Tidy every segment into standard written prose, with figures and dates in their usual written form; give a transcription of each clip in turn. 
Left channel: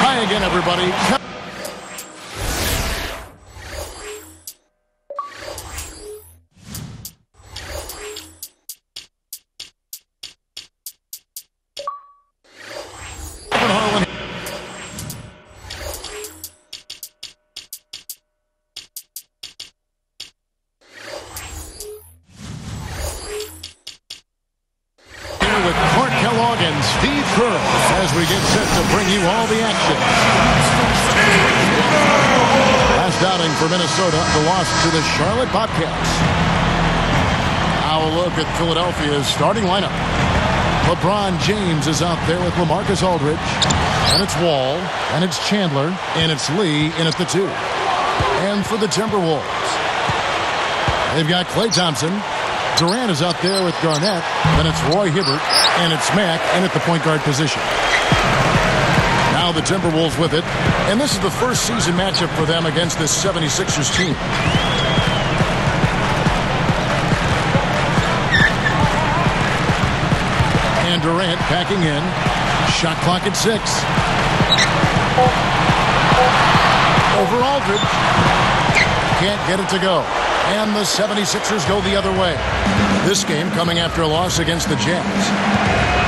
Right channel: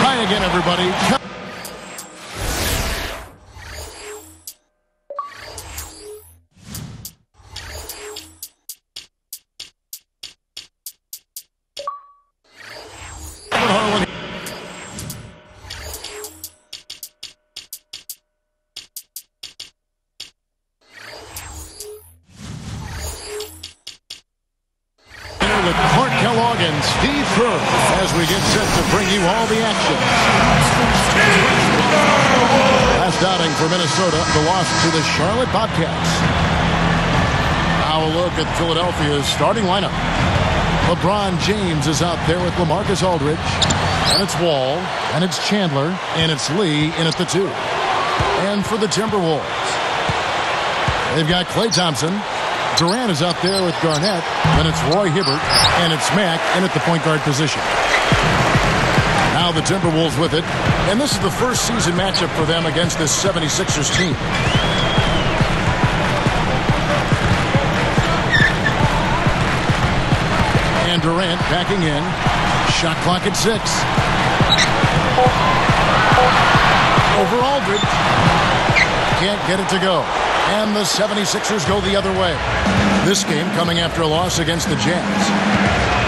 Hi again, everybody. Harlan. Here with Clark Kellogg and Steve Kerr as we get set to bring you all the action. Last outing for Minnesota, the loss to the Charlotte Bobcats. Now a look at Philadelphia's starting lineup. LeBron James is out there with LaMarcus Aldridge. And it's Wall. And it's Chandler. And it's Lee in at the 2. And for the Timberwolves, they've got Klay Thompson. Durant is out there with Garnett. Then it's Roy Hibbert. And it's Mack in at the point guard position. Now the Timberwolves with it. And this is the first season matchup for them against this 76ers team. And Durant backing in. Shot clock at 6. Over Aldridge. Can't get it to go. And the 76ers go the other way. This game coming after a loss against the Jazz.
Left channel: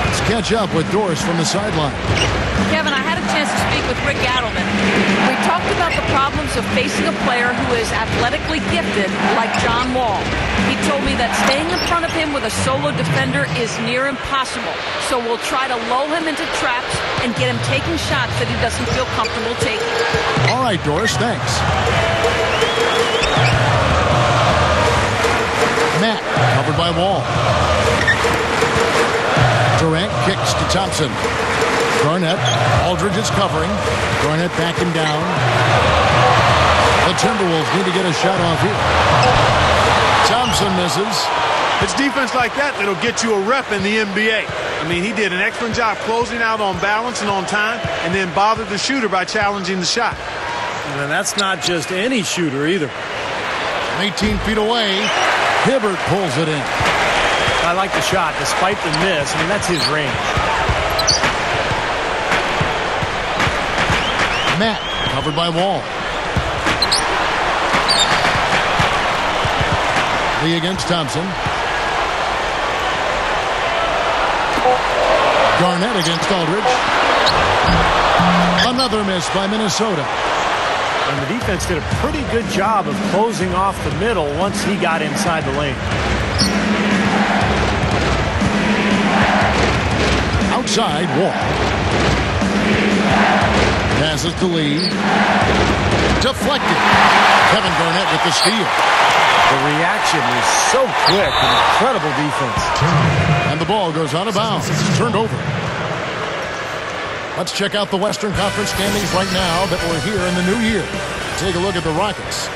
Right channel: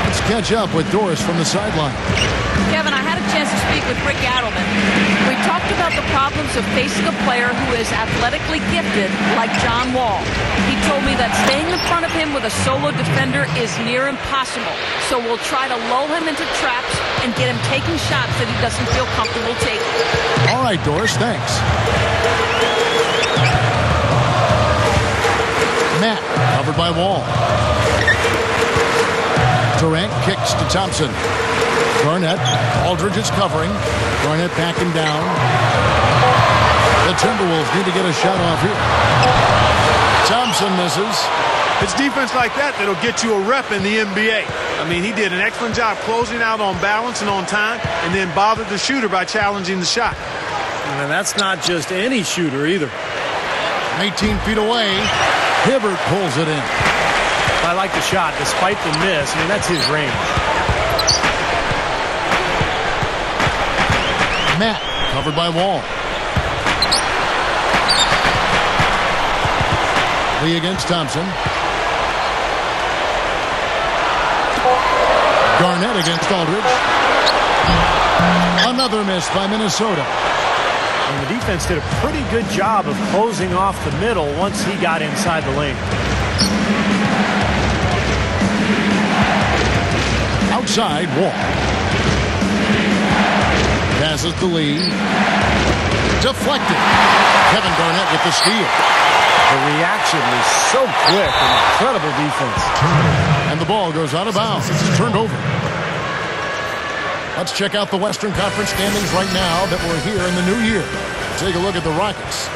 Let's catch up with Doris from the sideline. Kevin, I had a chance to speak with Rick Adelman. We talked about the problems of facing a player who is athletically gifted like John Wall. He told me that staying in front of him with a solo defender is near impossible. So we'll try to lull him into traps and get him taking shots that he doesn't feel comfortable taking. All right, Doris, thanks. Matt, covered by Wall. Durant kicks to Thompson. Garnett, Aldridge is covering. Garnett backing down. The Timberwolves need to get a shot off here. Thompson misses. It's defense like that that'll get you a rep in the NBA. I mean, he did an excellent job closing out on balance and on time, and then bothered the shooter by challenging the shot. And that's not just any shooter either. From 18 feet away, Hibbert pulls it in. I like the shot despite the miss. I mean, that's his range. Matt, covered by Wall. Lee against Thompson. Garnett against Aldridge. Another miss by Minnesota. And the defense did a pretty good job of closing off the middle once he got inside the lane. Outside, Wall. Passes to Lee. Deflected. Kevin Garnett with the steal. The reaction was so quick. Incredible defense. And the ball goes out of bounds. It's turned over. Let's check out the Western Conference standings right now that we're here in the new year. Take a look at the Rockets.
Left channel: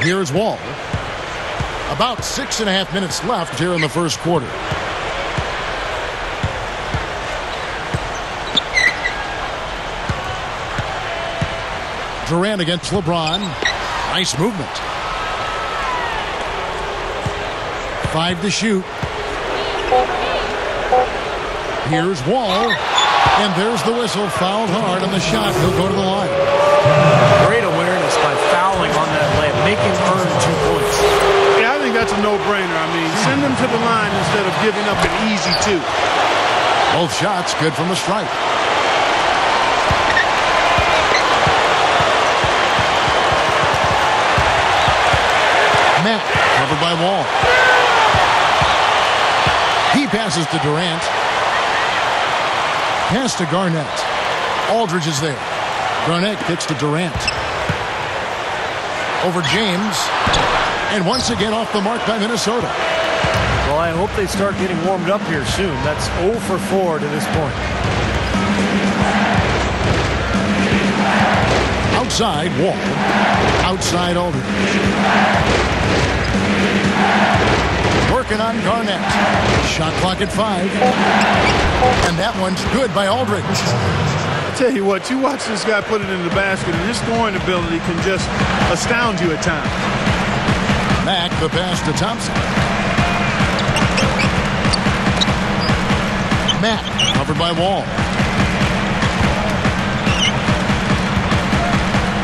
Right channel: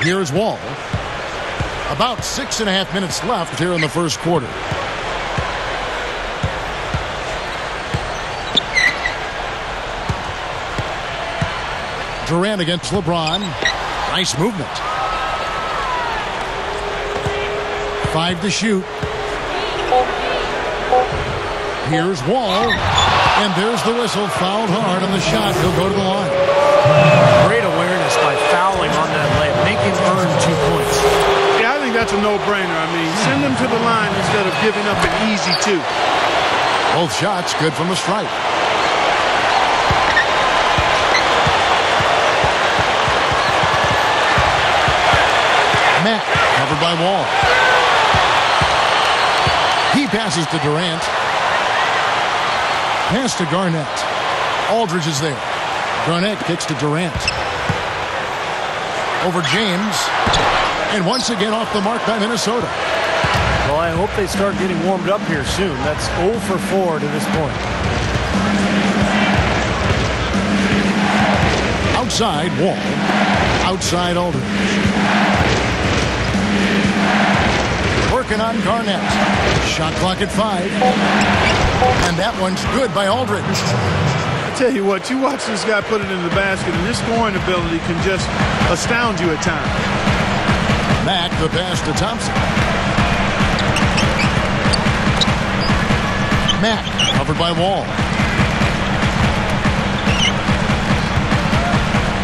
Here's Wall. About 6.5 minutes left here in the first quarter. Durant against LeBron. Nice movement. 5 to shoot. Here's Wall. And there's the whistle. Fouled hard on the shot. He'll go to the line. Great awareness by fouling on that layup. Make him earn 2 points. Yeah, I think that's a no-brainer. I mean, send them to the line instead of giving up an easy 2. Both shots good from the stripe. Matt, covered by Wall. He passes to Durant. Pass to Garnett. Aldridge is there. Garnett kicks to Durant. Over James. And once again off the mark by Minnesota. Well, I hope they start getting warmed up here soon. That's 0 for 4 to this point. Outside, Wall. Outside, Aldridge. Working on Garnett. Shot clock at 5. And that one's good by Aldridge. I tell you what, you watch this guy put it in the basket, and his scoring ability can just astound you at times. Mack, the pass to Thompson. Mack, covered by Wall.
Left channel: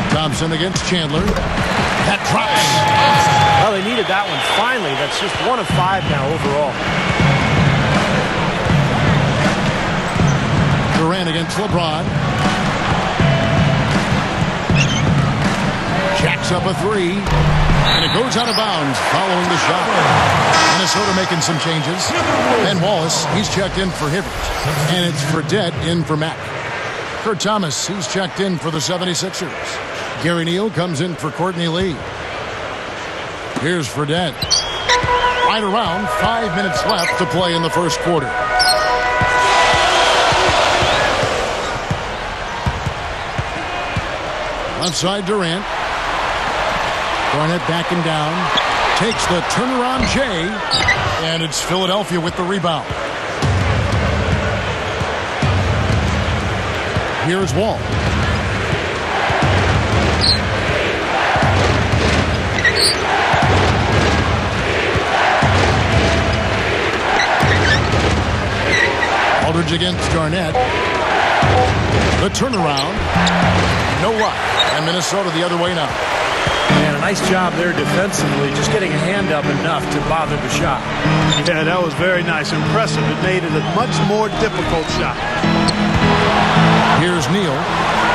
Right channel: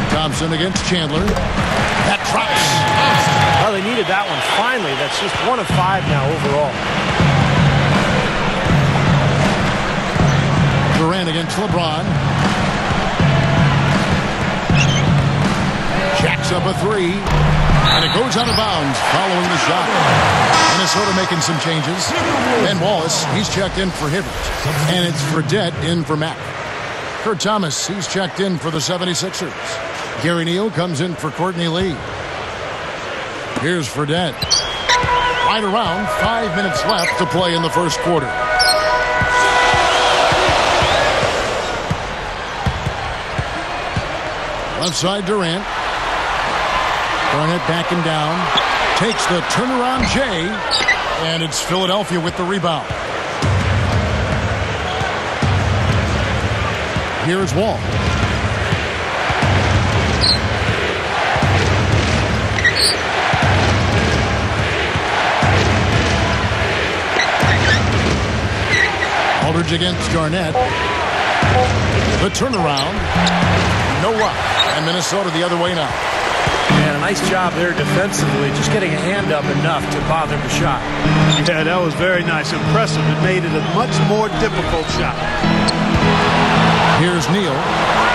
Thompson against Chandler. That drops. Well, they needed that one finally. That's just 1 of 5 now overall. Durant against LeBron. Jacks up a 3. And it goes out of bounds following the shot. Minnesota making some changes. Ben Wallace, he's checked in for Hibbert. And it's Fredette in for Mack. Kurt Thomas, he's checked in for the 76ers. Gary Neal comes in for Courtney Lee. Here's Fredette. Right around 5 minutes left to play in the first quarter. Left side Durant. Garnett backing down. Takes the turnaround J. And it's Philadelphia with the rebound. Here's Wall. Aldridge against Garnett. The turnaround. No luck. And Minnesota the other way now. Man, a nice job there defensively, just getting a hand up enough to bother the shot. Yeah, that was very nice. Impressive. It made it a much more difficult shot. Here's Neal.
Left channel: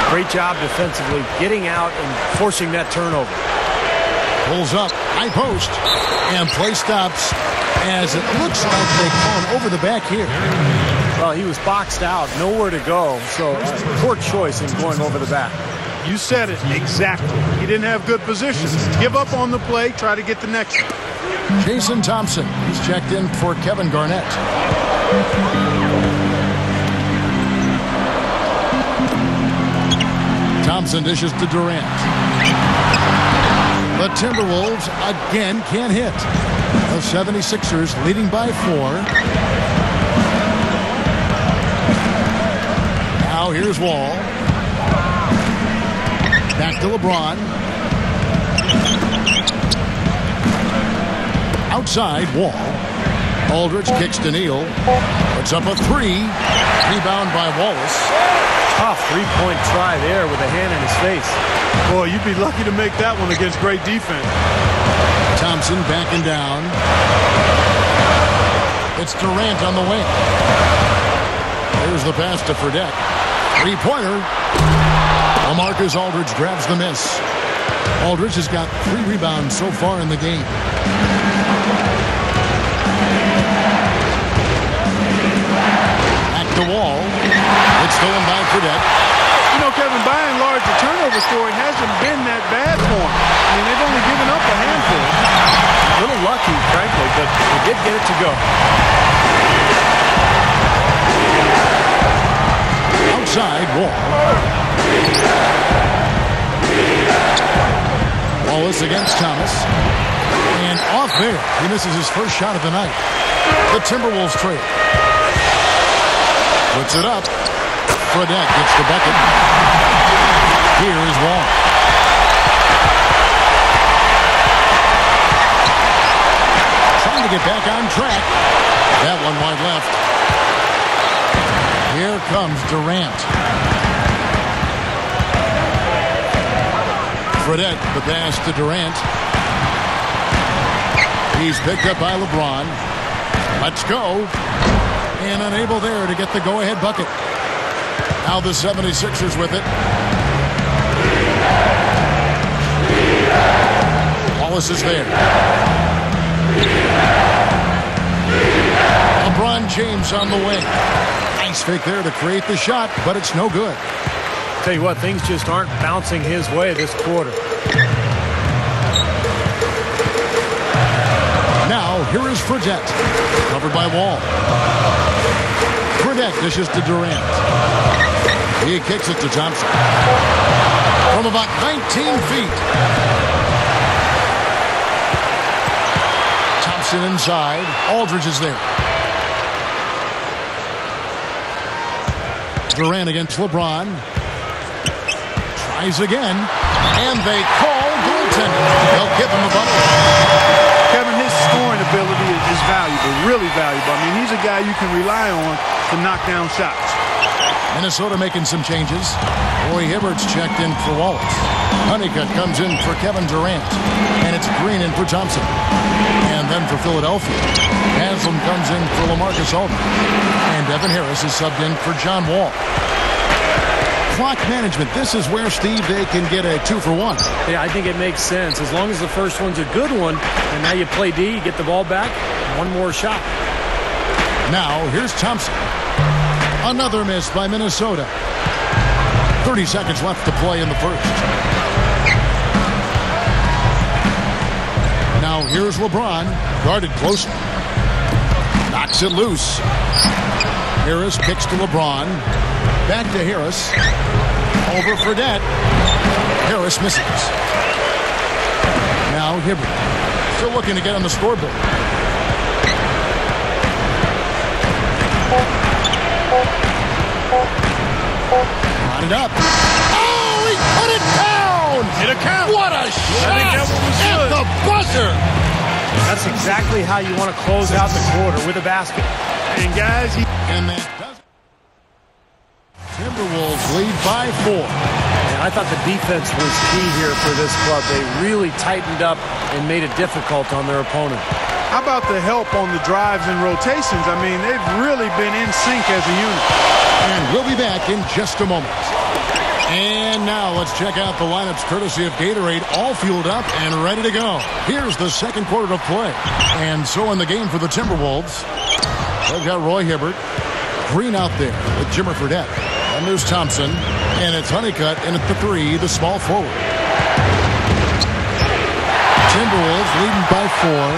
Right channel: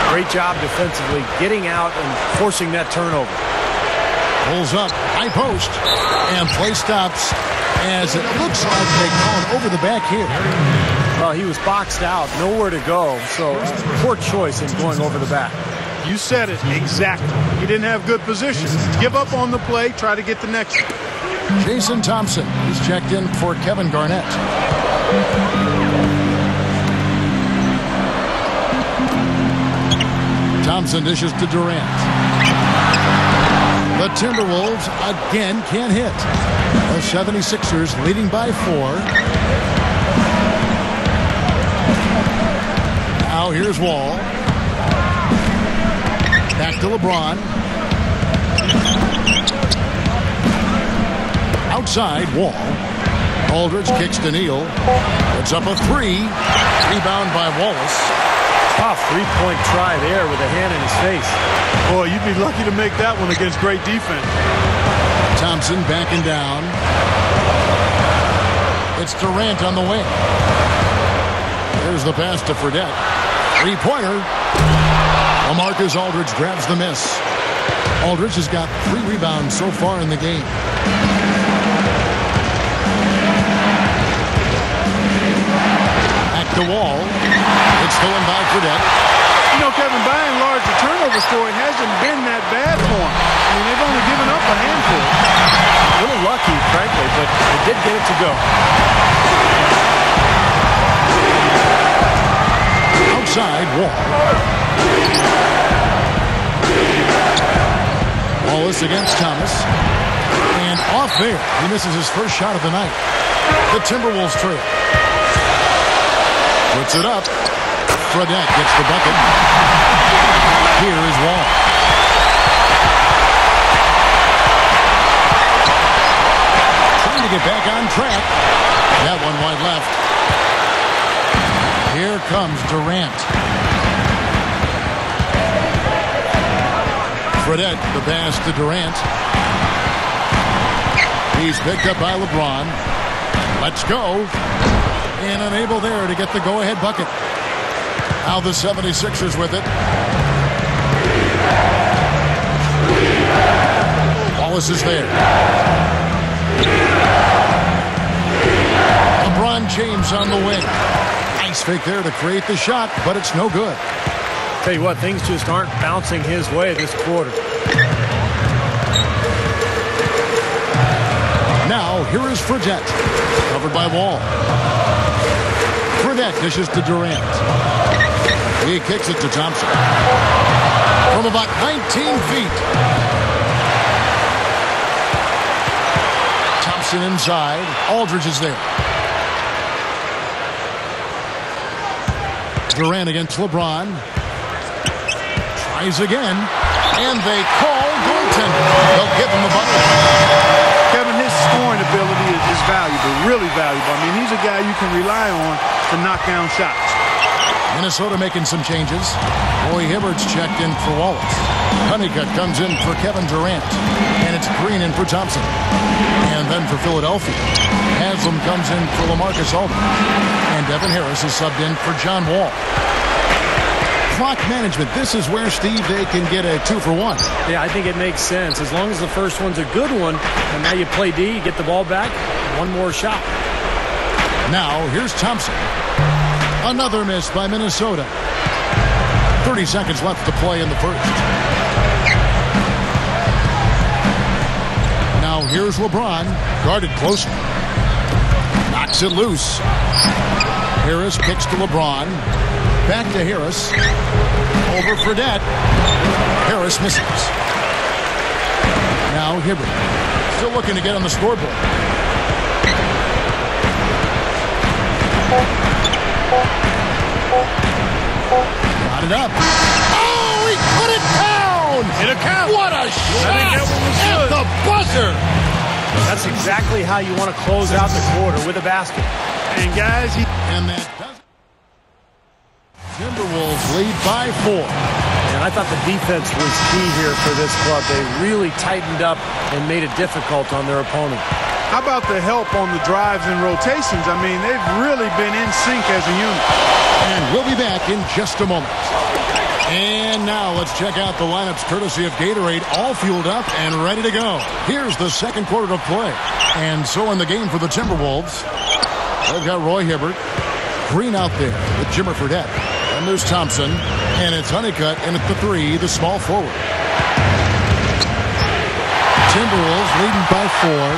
Great job defensively, getting out and forcing that turnover. Pulls up, high post, and play stops as it looks like they call it over the back here. Well, he was boxed out, nowhere to go, so poor choice in going over the back. You said it exactly. He didn't have good position. Give up on the play, try to get the next one. Jason Thompson, he's checked in for Kevin Garnett. Thompson dishes to Durant. The Timberwolves again can't hit. The 76ers leading by 4. Now here's Wall. Back to LeBron. Outside, Wall. Aldridge kicks to Neal. Puts up a 3. Rebound by Wallace. Tough three-point try there with a hand in his face. Boy, you'd be lucky to make that one against great defense. Thompson backing down. It's Durant on the wing. There's the pass to Fredette. Three-pointer. LaMarcus Aldridge grabs the miss. Aldridge has got 3 rebounds so far in the game. Back to Wall. It's stolen by Fredette. You know, Kevin, by and large, the turnover story hasn't been that bad for him. I mean, they've only given up a handful. A little lucky, frankly, but they did get it to go. Outside, Wall. Wallace against Thomas. And off there, he misses his first shot of the night. The Timberwolves trail. Puts it up. Fredette gets the bucket. Here is Wall. Trying to get back on track. That one wide left. Here comes Durant. Fredette, the pass to Durant. He's picked up by LeBron. Let's go. And unable there to get the go-ahead bucket. Now the 76ers with it. Wallace is there. LeBron James on the wing. Nice fake there to create the shot, but it's no good. Tell you what, things just aren't bouncing his way this quarter. Now, here is Fredette. Covered by Wall. Fredette dishes to Durant. He kicks it to Thompson. From about 19 feet. Thompson inside. Aldridge is there. Durant against LeBron. Tries again. And they call goaltending. They'll give him a bucket. Kevin, his scoring ability is valuable, really valuable. I mean, he's a guy you can rely on to knock down shots. Minnesota making some changes. Roy Hibbert's checked in for Wallace. Honeycutt comes in for Kevin Durant. And it's Green in for Thompson. And then for Philadelphia, Haslam comes in for LaMarcus Aldridge. And Devin Harris is subbed in for John Wall. Clock management. This is where, Steve, they can get a 2-for-1. Yeah, I think it makes sense. As long as the first one's a good one, and now you play D, you get the ball back, one more shot. Now, here's Thompson. Another miss by Minnesota. 30 seconds left to play in the first. Now, here's LeBron, guarded closely. Knocks it loose. Harris kicks to LeBron. Back to Harris. Over Fredette. Harris misses. Now Hibbert. Still looking to get on the scoreboard. Got it up. Oh, he put it down! It'll count. What a shot! I think that one was at good. The buzzer! That's exactly how you want to close out the quarter, with a basket. And guys, And that does it. Timberwolves lead by 4. And I thought the defense was key here for this club. They really tightened up and made it difficult on their opponent. how about the help on the drives and rotations? I mean, they've really been in sync as a unit. And we'll be back in just a moment. And now let's check out the lineups courtesy of Gatorade, all fueled up and ready to go. Here's the second quarter of play. And so in the game for the Timberwolves, they've got Roy Hibbert, Green out there with Jimmer Fredette. Then there's Thompson, and it's Honeycutt in at the 3, the small forward. Timberwolves leading by 4.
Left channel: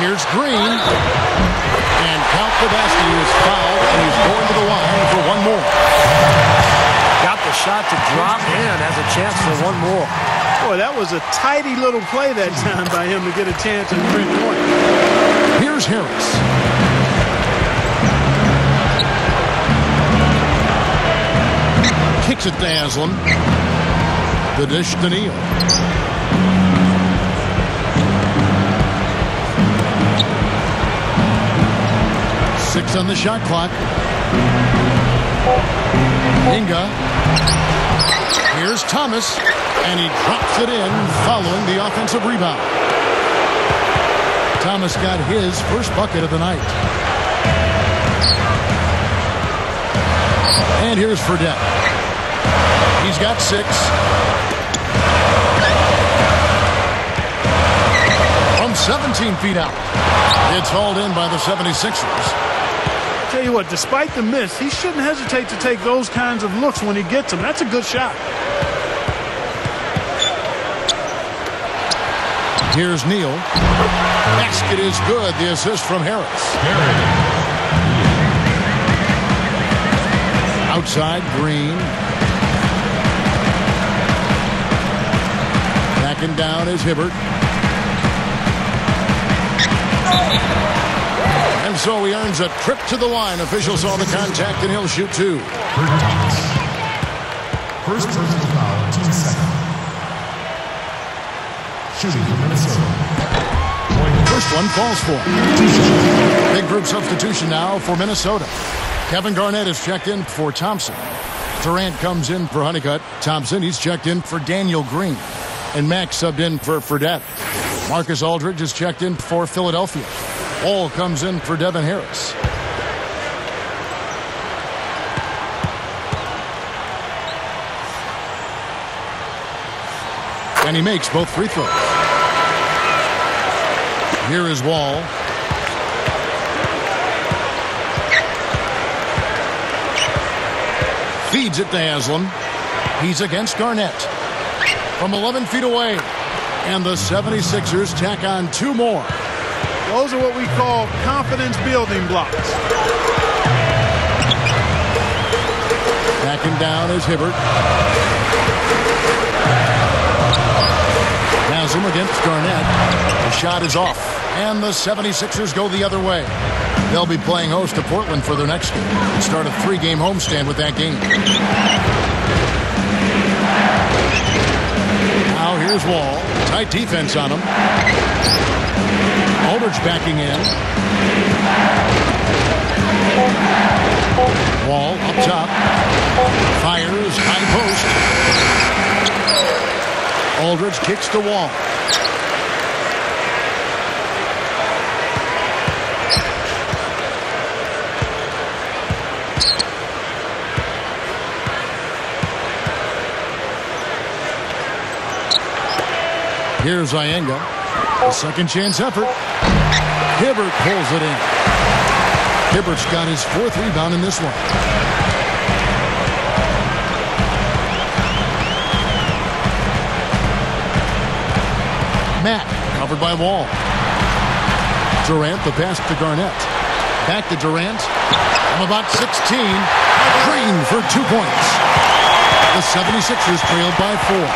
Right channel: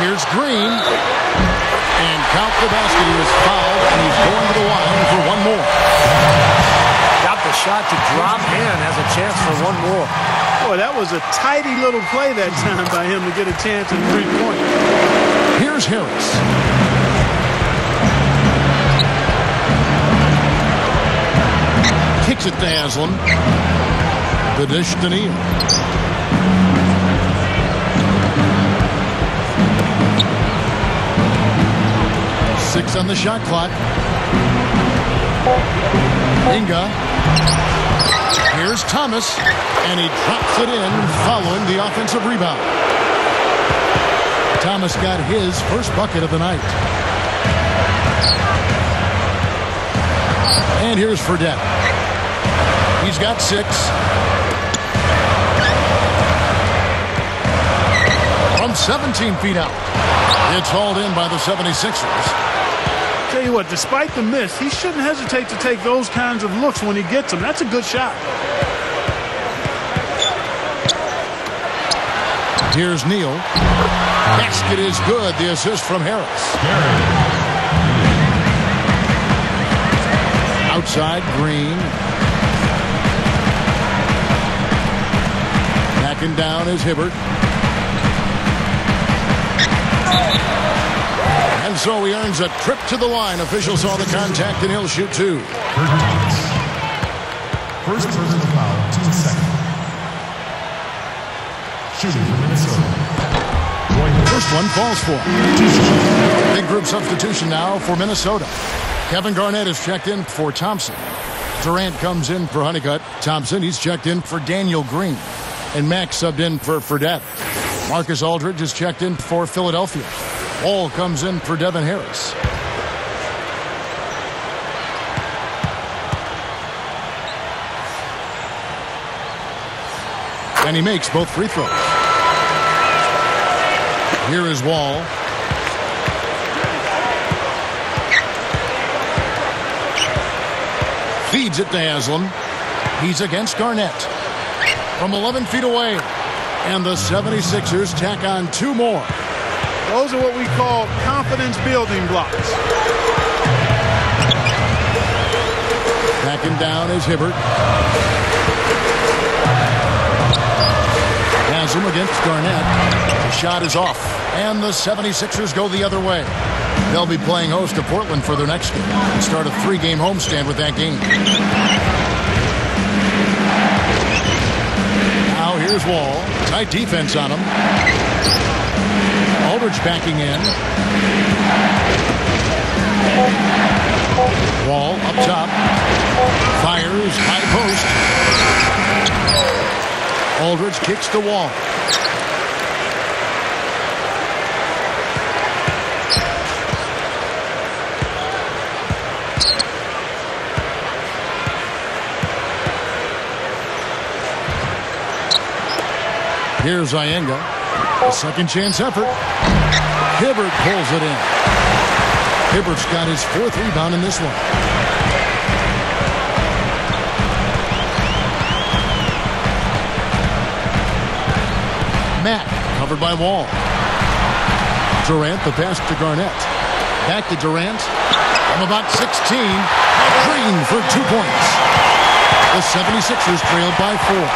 Here's Green. And count the basket. He was fouled, and he's going to the line for one more. Got the shot to drop and has a chance for one more. Boy, that was a tidy little play that time by him to get a chance at 3-point. Here's Harris. Kicks it to Haslam. The dish to Neal. Six on the shot clock. Inga. Here's Thomas. And he drops it in following the offensive rebound. Thomas got his first bucket of the night. And here's Fredette. He's got 6. From 17 feet out. It's hauled in by the 76ers. I'll tell you what, despite the miss, he shouldn't hesitate to take those kinds of looks when he gets them. That's a good shot. Here's Neal. Basket is good. The assist from Harris. Outside, Green. Backing down is Hibbert. And so he earns a trip to the line. Officials saw the contact, and he'll shoot 2. First personal foul, 2 seconds. Shooting for Minnesota. First one falls for. Big group substitution now for Minnesota. Kevin Garnett is checked in for Thompson. Durant comes in for Honeycutt. Thompson, he's checked in for Daniel Green. And Max subbed in for Fredette. Marcus Aldridge is checked in for Philadelphia. Wall comes in for Devin Harris. And he makes both free throws. Here is Wall. Feeds it to Haslam. He's against Garnett. From 11 feet away. And the 76ers tack on 2 more. Those are what we call confidence building blocks. Backing down is Hibbert. Haslam against Garnett. The shot is off. And the 76ers go the other way. They'll be playing host to Portland for their next game. Start a 3-game homestand with that game. Now here's Wall. Tight defense on him. Aldridge backing in. Wall up top. Fires high post. Aldridge kicks to Wall. Here's Iyenga. A second chance effort. Hibbert pulls it in. Hibbert's got his 4th rebound in this one. Matt covered by Wall. Durant the pass to Garnett. Back to Durant. From about 16. Green for 2 points. The 76ers trailed by 4.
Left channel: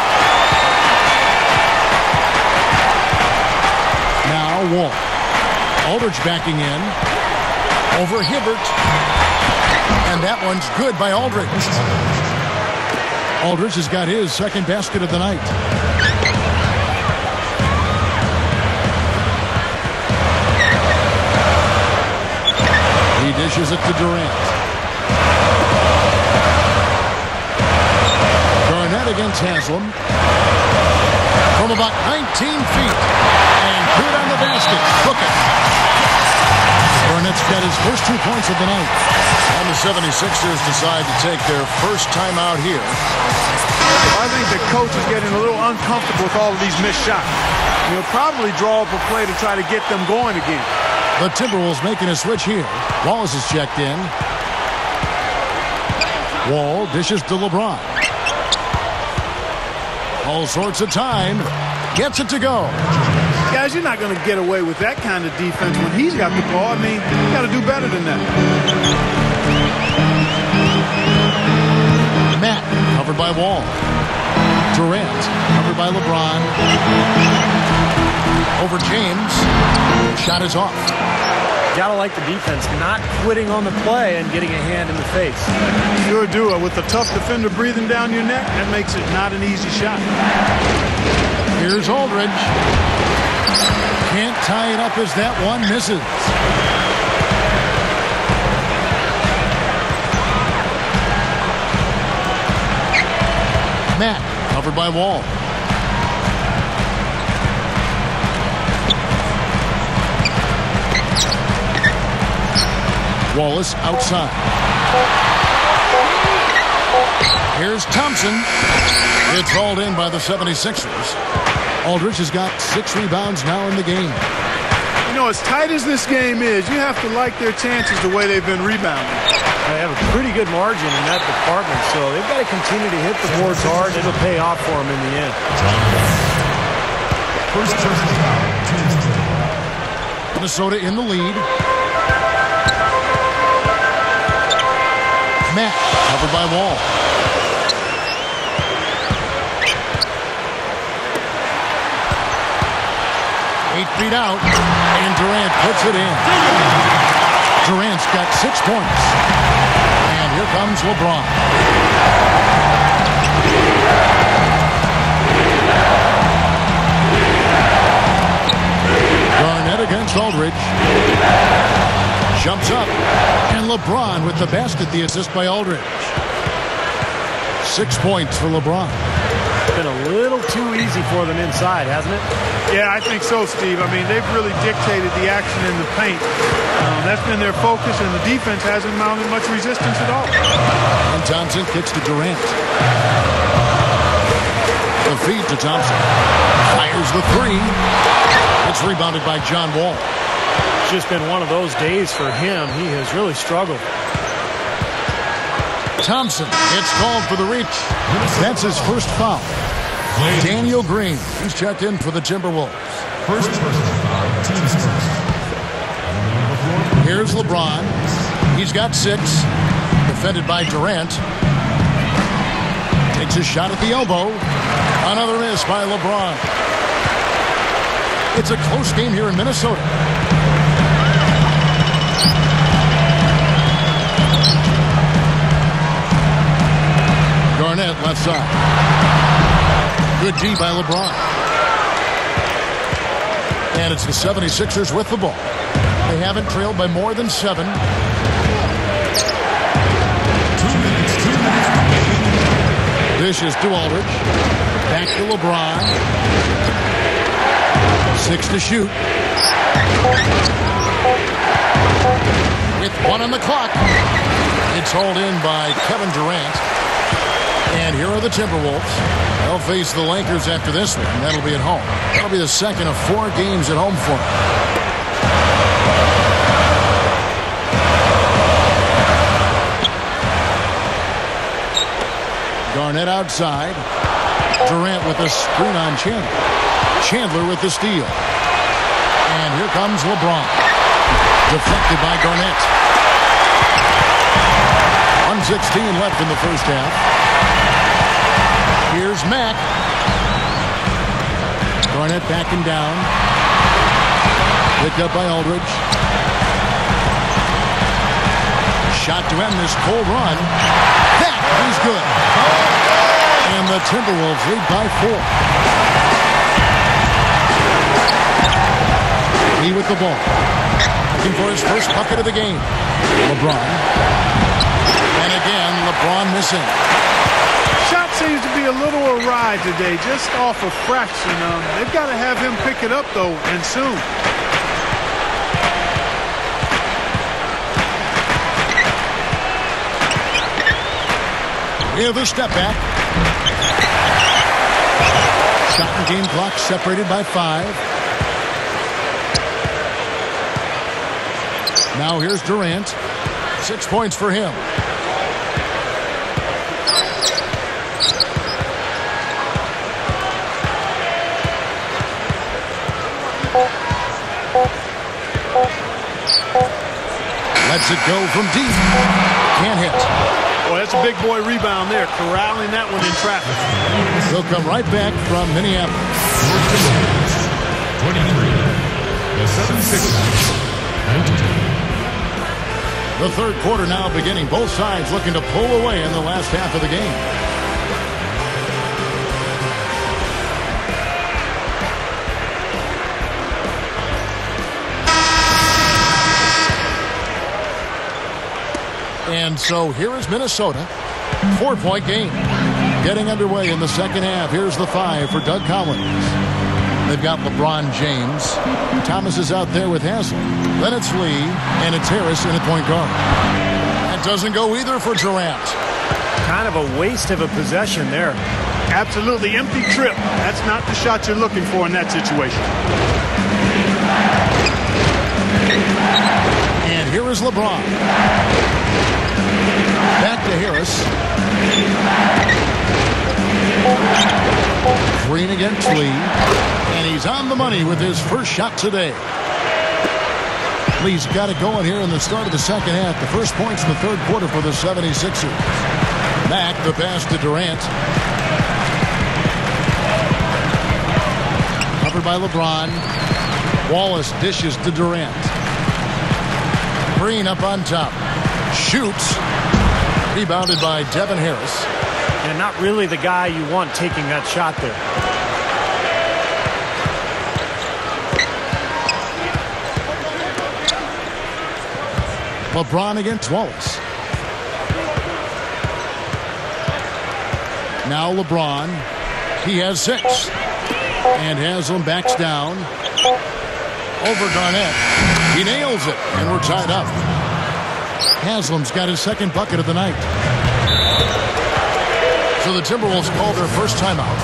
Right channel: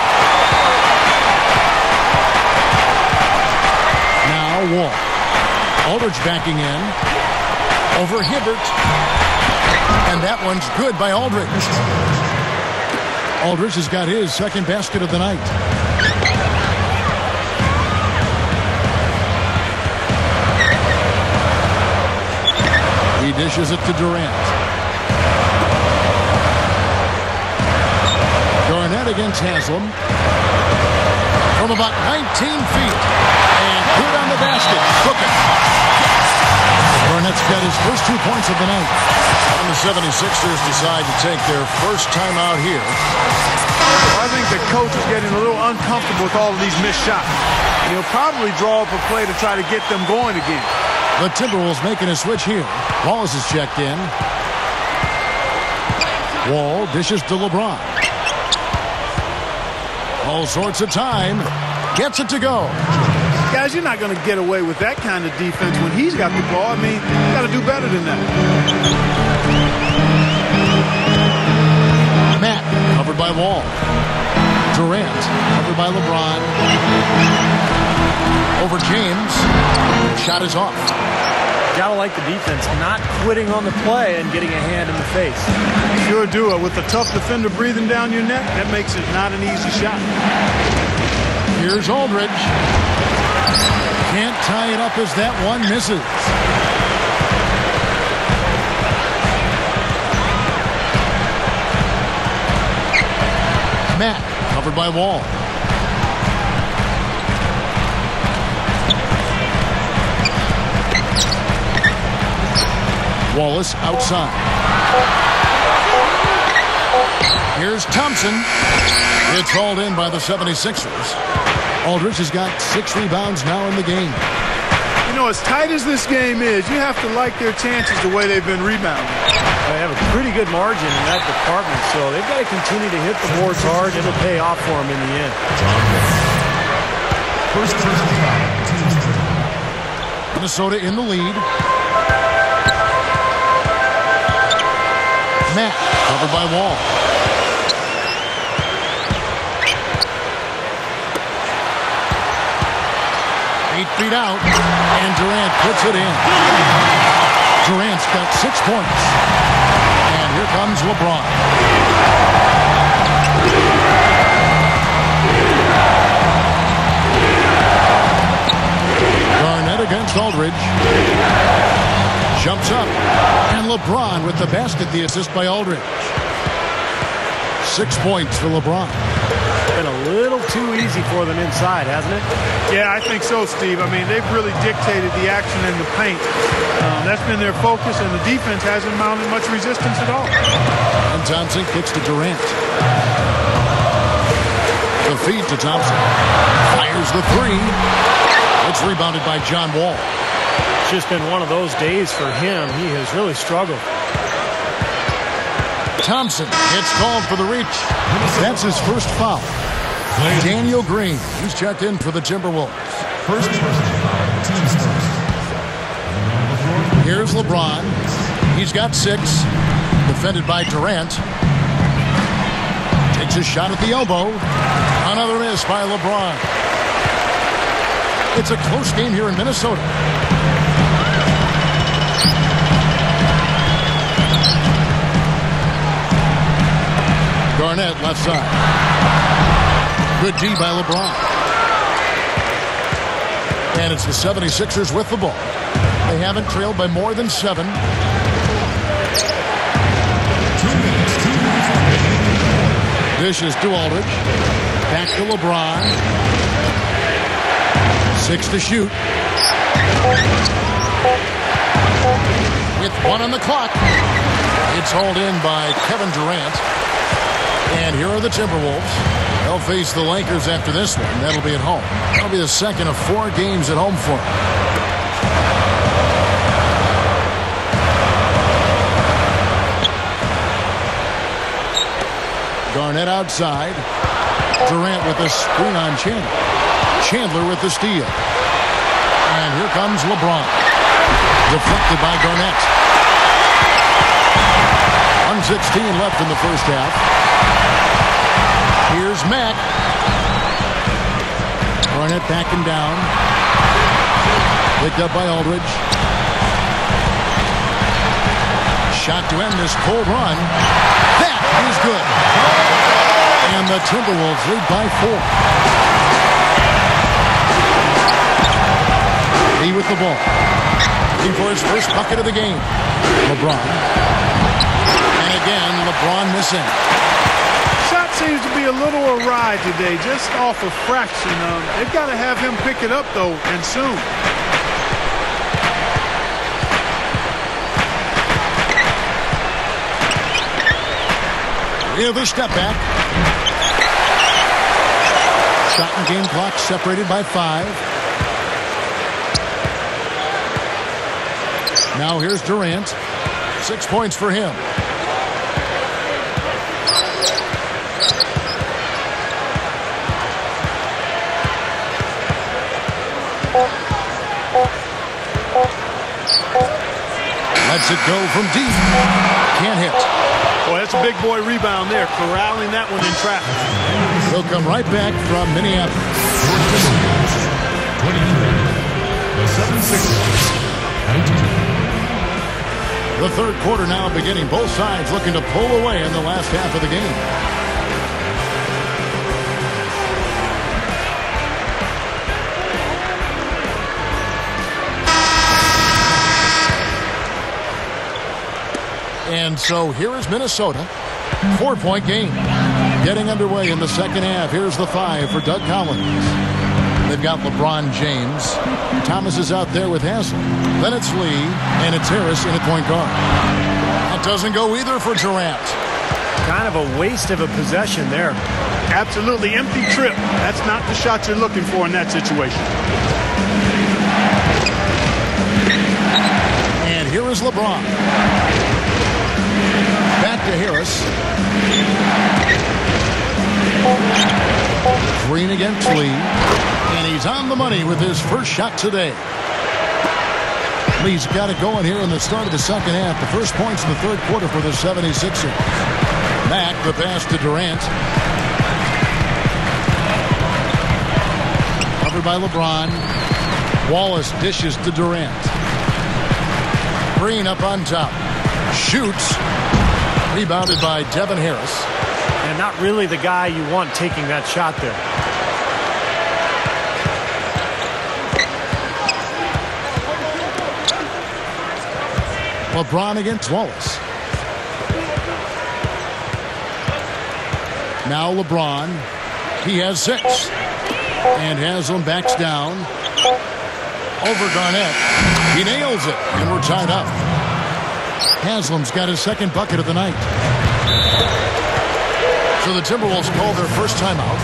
Now Wall. Aldridge backing in. Over Hibbert. And that one's good by Aldridge. Aldridge has got his 2nd basket of the night. He dishes it to Durant. Garnett against Haslam. From about 19 feet. And good on the basket. Book it. Garnett's got his first 2 points of the night. And the 76ers decide to take their first time out here. Well, I think the coach is getting a little uncomfortable with all of these missed shots. And he'll probably draw up a play to try to get them going again. The Timberwolves making a switch here. Wallace is checked in. Wall dishes to LeBron. All sorts of time. Gets it to go. Guys, you're not going to get away with that kind of defense when he's got the ball. I mean, you got to do better than that. Matt covered by Wall. Durant covered by LeBron. Over James. Shot is off. Gotta like the defense not quitting on the play and getting a hand in the face. Sure do. With a tough defender breathing down your neck, that makes it not an easy shot. Here's Aldridge. Can't tie it up as that one misses. Matt covered by Wall. Wallace outside. Here's Thompson. It's hauled in by the 76ers. Aldridge has got 6 rebounds now in the game. You know, as tight as this game is, you have to like their chances the way they've been rebounding. They have a pretty good margin in that department, so they've got to continue to hit the boards hard. It'll pay off for them in the end. First personal foul, team's turn. Minnesota in the lead. Matt covered by Wall. Eight feet out, and Durant puts it in. Durant's got 6 points. And here comes LeBron. Garnett against Aldridge. Jumps up, and LeBron with the basket, the assist by Aldridge. 6 points for LeBron. Been a little too easy for them inside, hasn't it? Yeah, I think so, Steve. I mean, they've really dictated the action in the paint. That's been their focus, and the defense hasn't mounted much resistance at all. And Thompson kicks to Durant. The feed to Thompson. Fires the 3. It's rebounded by John Wall. It's just been one of those days for him. He has really struggled. Thompson gets called for the reach. That's his first foul. Daniel Green, he's checked in for the Timberwolves. First personal foul, team's turn. Here's LeBron. He's got 6. Defended by Durant. Takes a shot at the elbow. Another miss by LeBron. It's a close game here in Minnesota. Garnett left side. Good D by LeBron. And it's the 76ers with the ball. They haven't trailed by more than 7. Dishes to Aldridge. Back to LeBron. 6 to shoot. With 1 on the clock. It's hauled in by Kevin Durant. And here are the Timberwolves. They'll face the Lakers after this one. That'll be at home. That'll be the second of 4 games at home for them. Garnett outside. Durant with a screen on Chandler. Chandler with the steal. And here comes LeBron. Deflected by Garnett. 1:16 left in the first half. Here's Mack. Garnett backing down. Picked up by Aldridge. Shot to end this cold run. That is good. And the Timberwolves lead by 4. Lee with the ball. Looking for his first bucket of the game. LeBron. And again, LeBron missing. Shot seems to be a little awry today, just off a fraction. They've got to have him pick it up, though, and soon. With a step back. Shot and game clock separated by 5. Now here's Durant. 6 points for him. Lets it go from deep. Can't hit. Boy, that's a big boy rebound there, corralling that one in traffic. They'll come right back from Minneapolis. 23. The 76ers. The third quarter now beginning. Both sides looking to pull away in the last half of the game. And so here is Minnesota. 4-point game. Getting underway in the second half. Here's the 5 for Doug Collins. They've got LeBron James. Thomas is out there with Haslam. Then it's Lee, and it's Harris in at point guard. That doesn't go either for Durant. Kind of a waste of a possession there. Absolutely empty trip. That's not the shot you're looking for in that situation. And here is LeBron. Back to Harris. Green against Lee. And he's on the money with his first shot today. Lee's got it going here in the start of the second half. The first points in the third quarter for the 76ers. Mack, the pass to Durant. Covered by LeBron. Wallace dishes to Durant. Green up on top. Shoots. Rebounded by Devin Harris. And not really the guy you want taking that shot there. LeBron against Wallace. Now LeBron. He has 6. And Haslam backs down. Over Garnett. He nails it. And we're tied up. Haslam's got his second bucket of the night. So the Timberwolves call their first timeout.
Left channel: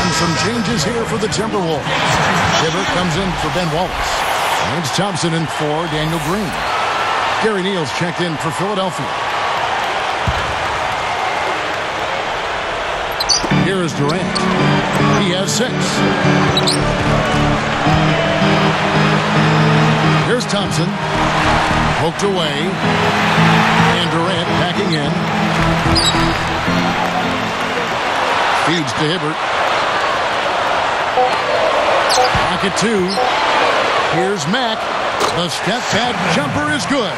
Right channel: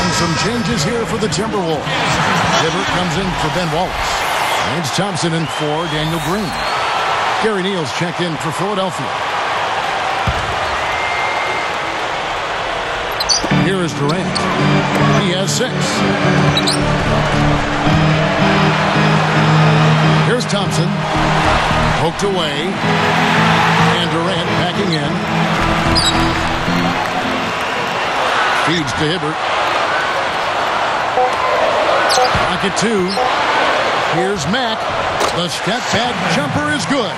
And some changes here for the Timberwolves. Hibbert comes in for Ben Wallace. Lance Thompson in for Daniel Green. Gary Neal's checked in for Philadelphia. Here is Durant. He has 6. Here's Thompson. Poked away. And Durant backing in. Feeds to Hibbert. Pocket 2. Here's Mack. The step back jumper is good.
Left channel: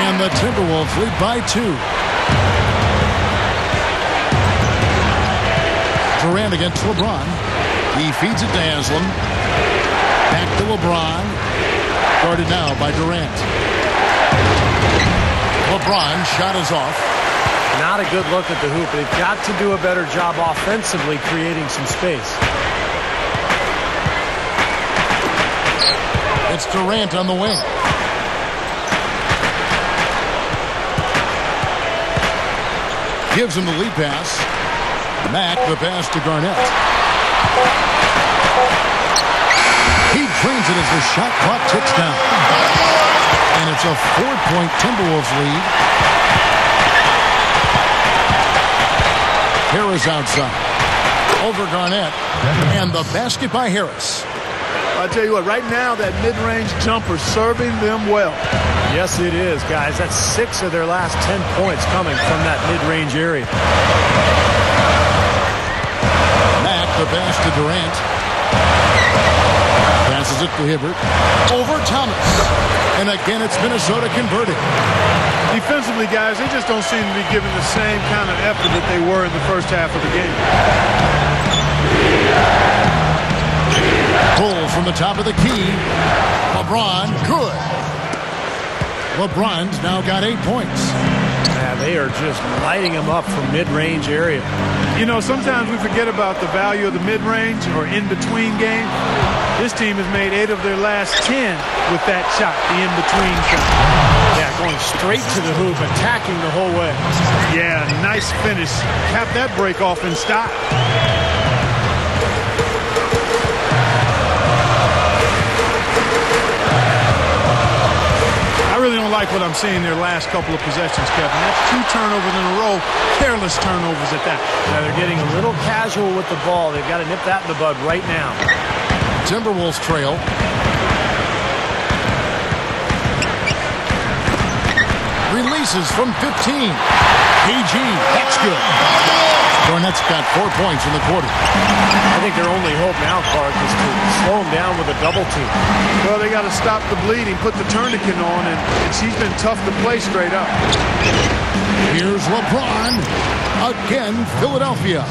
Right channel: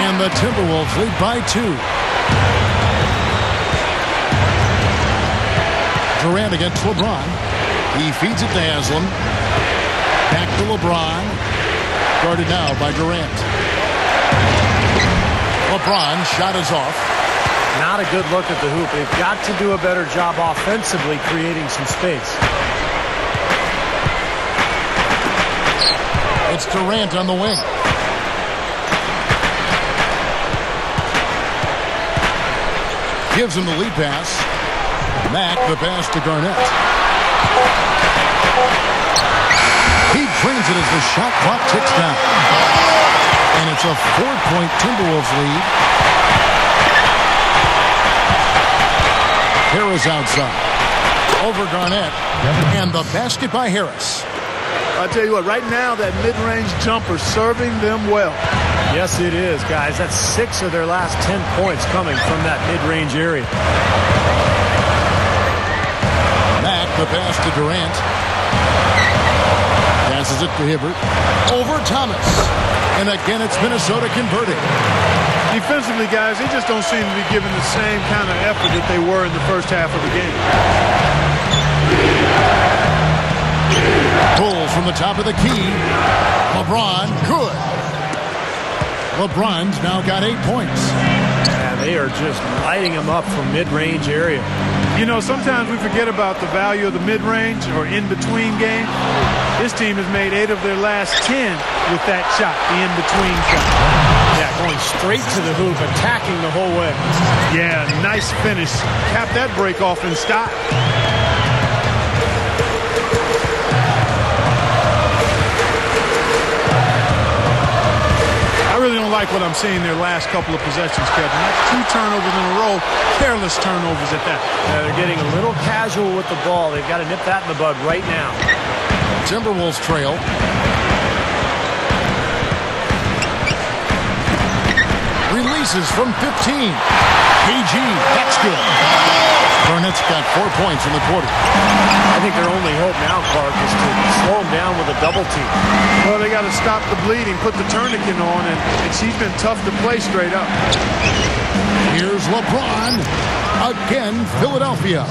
And the Timberwolves lead by 2. Durant against LeBron. He feeds it to Haslam. Back to LeBron. Guarded now by Durant. LeBron shot is off. Not a good look at the hoop. They've got to do a better job offensively creating some space. It's Durant on the wing. Gives him the lead pass. Mack the pass to Garnett. He drains it as the shot clock ticks down. And it's a 4-point Timberwolves lead. Harris outside. Over Garnett. And the basket by Harris. I tell you what, right now that mid-range jumper serving them well. Yes, it is, guys. That's 6 of their last 10 points coming from that mid-range area. Mack the pass to Durant. Passes it to Hibbert. Over Thomas. And again, it's Minnesota converting. Defensively, guys, they just don't seem to be giving the same kind of effort that they were in the first half of the game. Pulls from the top of the key. LeBron, good. LeBron's now got 8 points. Yeah, they are just lighting them up from mid-range area. You know, sometimes we forget about the value of the mid-range or in-between game. This team has made 8 of their last 10 with that shot, the in-between shot. Yeah, going straight to the hoop, attacking the whole way. Yeah, nice finish. Cap that break off in style. I really don't like what I'm seeing their last couple of possessions, Kevin. That's 2 turnovers in a row, careless turnovers at that. Yeah, they're getting a little casual with the ball. They've got to nip that in the bud right now. Timberwolves trail. Releases from 15. KG, that's good. Garnett's got 4 points in the quarter. I think their only hope now, Clark, is to slow him down with a double team. Well, they got to stop the bleeding, put the tourniquet on, and he's been tough to play straight up. Here's LeBron. Again, Philadelphia.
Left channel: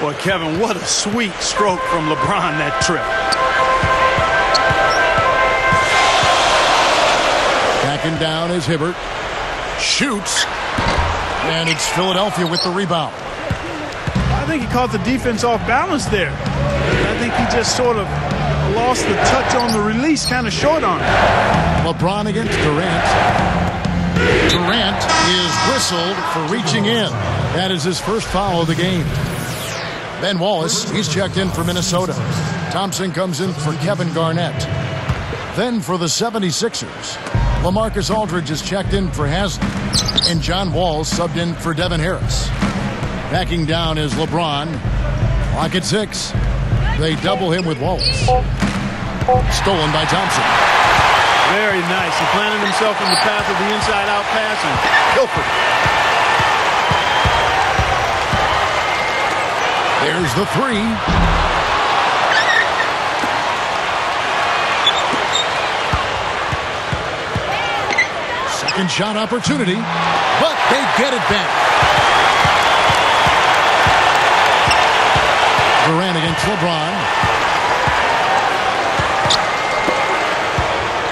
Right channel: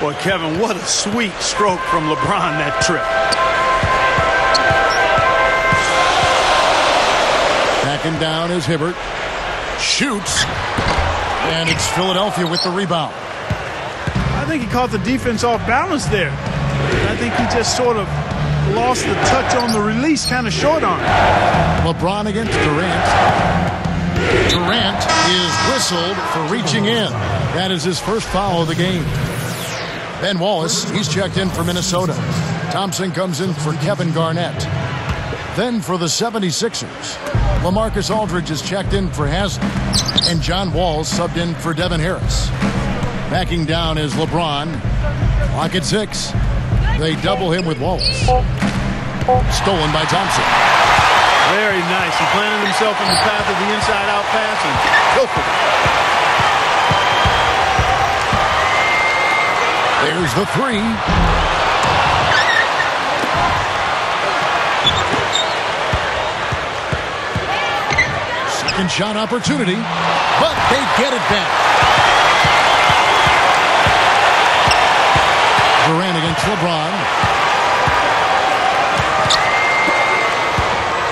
Boy, Kevin, what a sweet stroke from LeBron that trip. Backing down is Hibbert. Shoots. And it's Philadelphia with the rebound. I think he caught the defense off balance there. I think he just sort of lost the touch on the release, kind of short arm. LeBron against Durant. Durant is whistled for reaching in. That is his first foul of the game. Ben Wallace, he's checked in for Minnesota. Thompson comes in for Kevin Garnett. Then for the 76ers, LaMarcus Aldridge is checked in for Haslem. And John Wall subbed in for Devin Harris. Backing down is LeBron. Clock at 6. They double him with Wallace. Stolen by Thompson. Very nice. He planted himself in the path of the inside-out pass and pilfered it. There's the 3. Second shot opportunity, but they get it back. Durant against LeBron.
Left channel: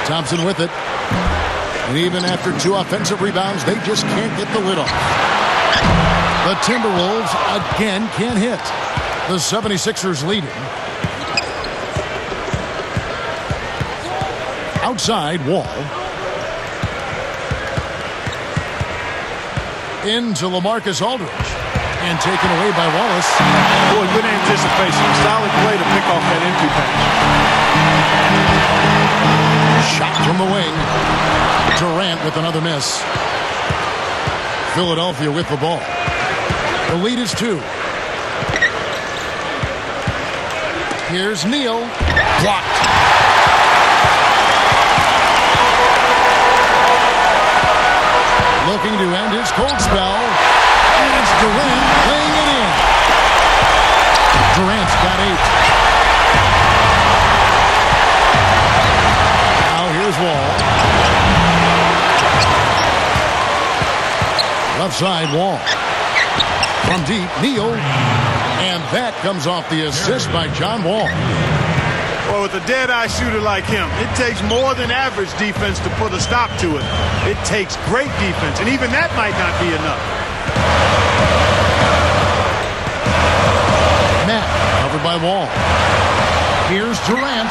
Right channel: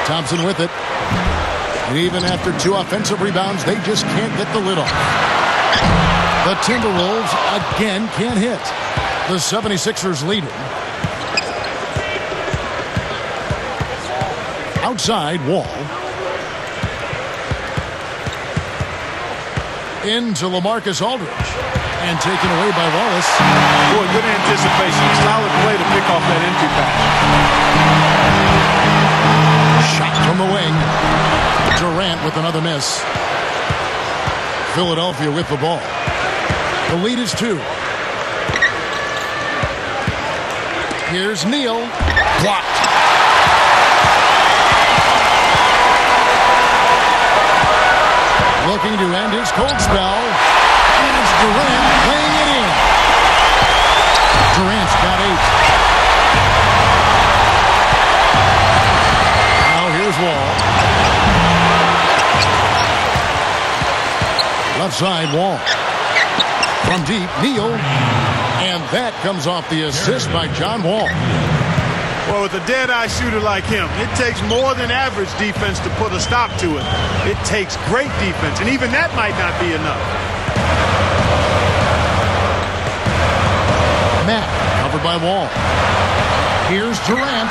Thompson with it. And even after 2 offensive rebounds, they just can't get the lid off. The Timberwolves again can't hit. The 76ers leading. Outside, Wall. Into LaMarcus Aldridge. And taken away by Wallace. Boy, good anticipation. A solid play to pick off that entry pass. Shot from the wing. Durant with another miss. Philadelphia with the ball. The lead is 2. Here's Neal. Blocked. Looking to end his cold spell. And it's Durant laying it in. Durant's got 8. Now here's Wall. Left side, Wall. From deep, Neal. And that comes off the assist by John Wall. Well, with a dead-eye shooter like him, it takes more than average defense to put a stop to it. It takes great defense, and even that might not be enough. Matt covered by Wall. Here's Durant.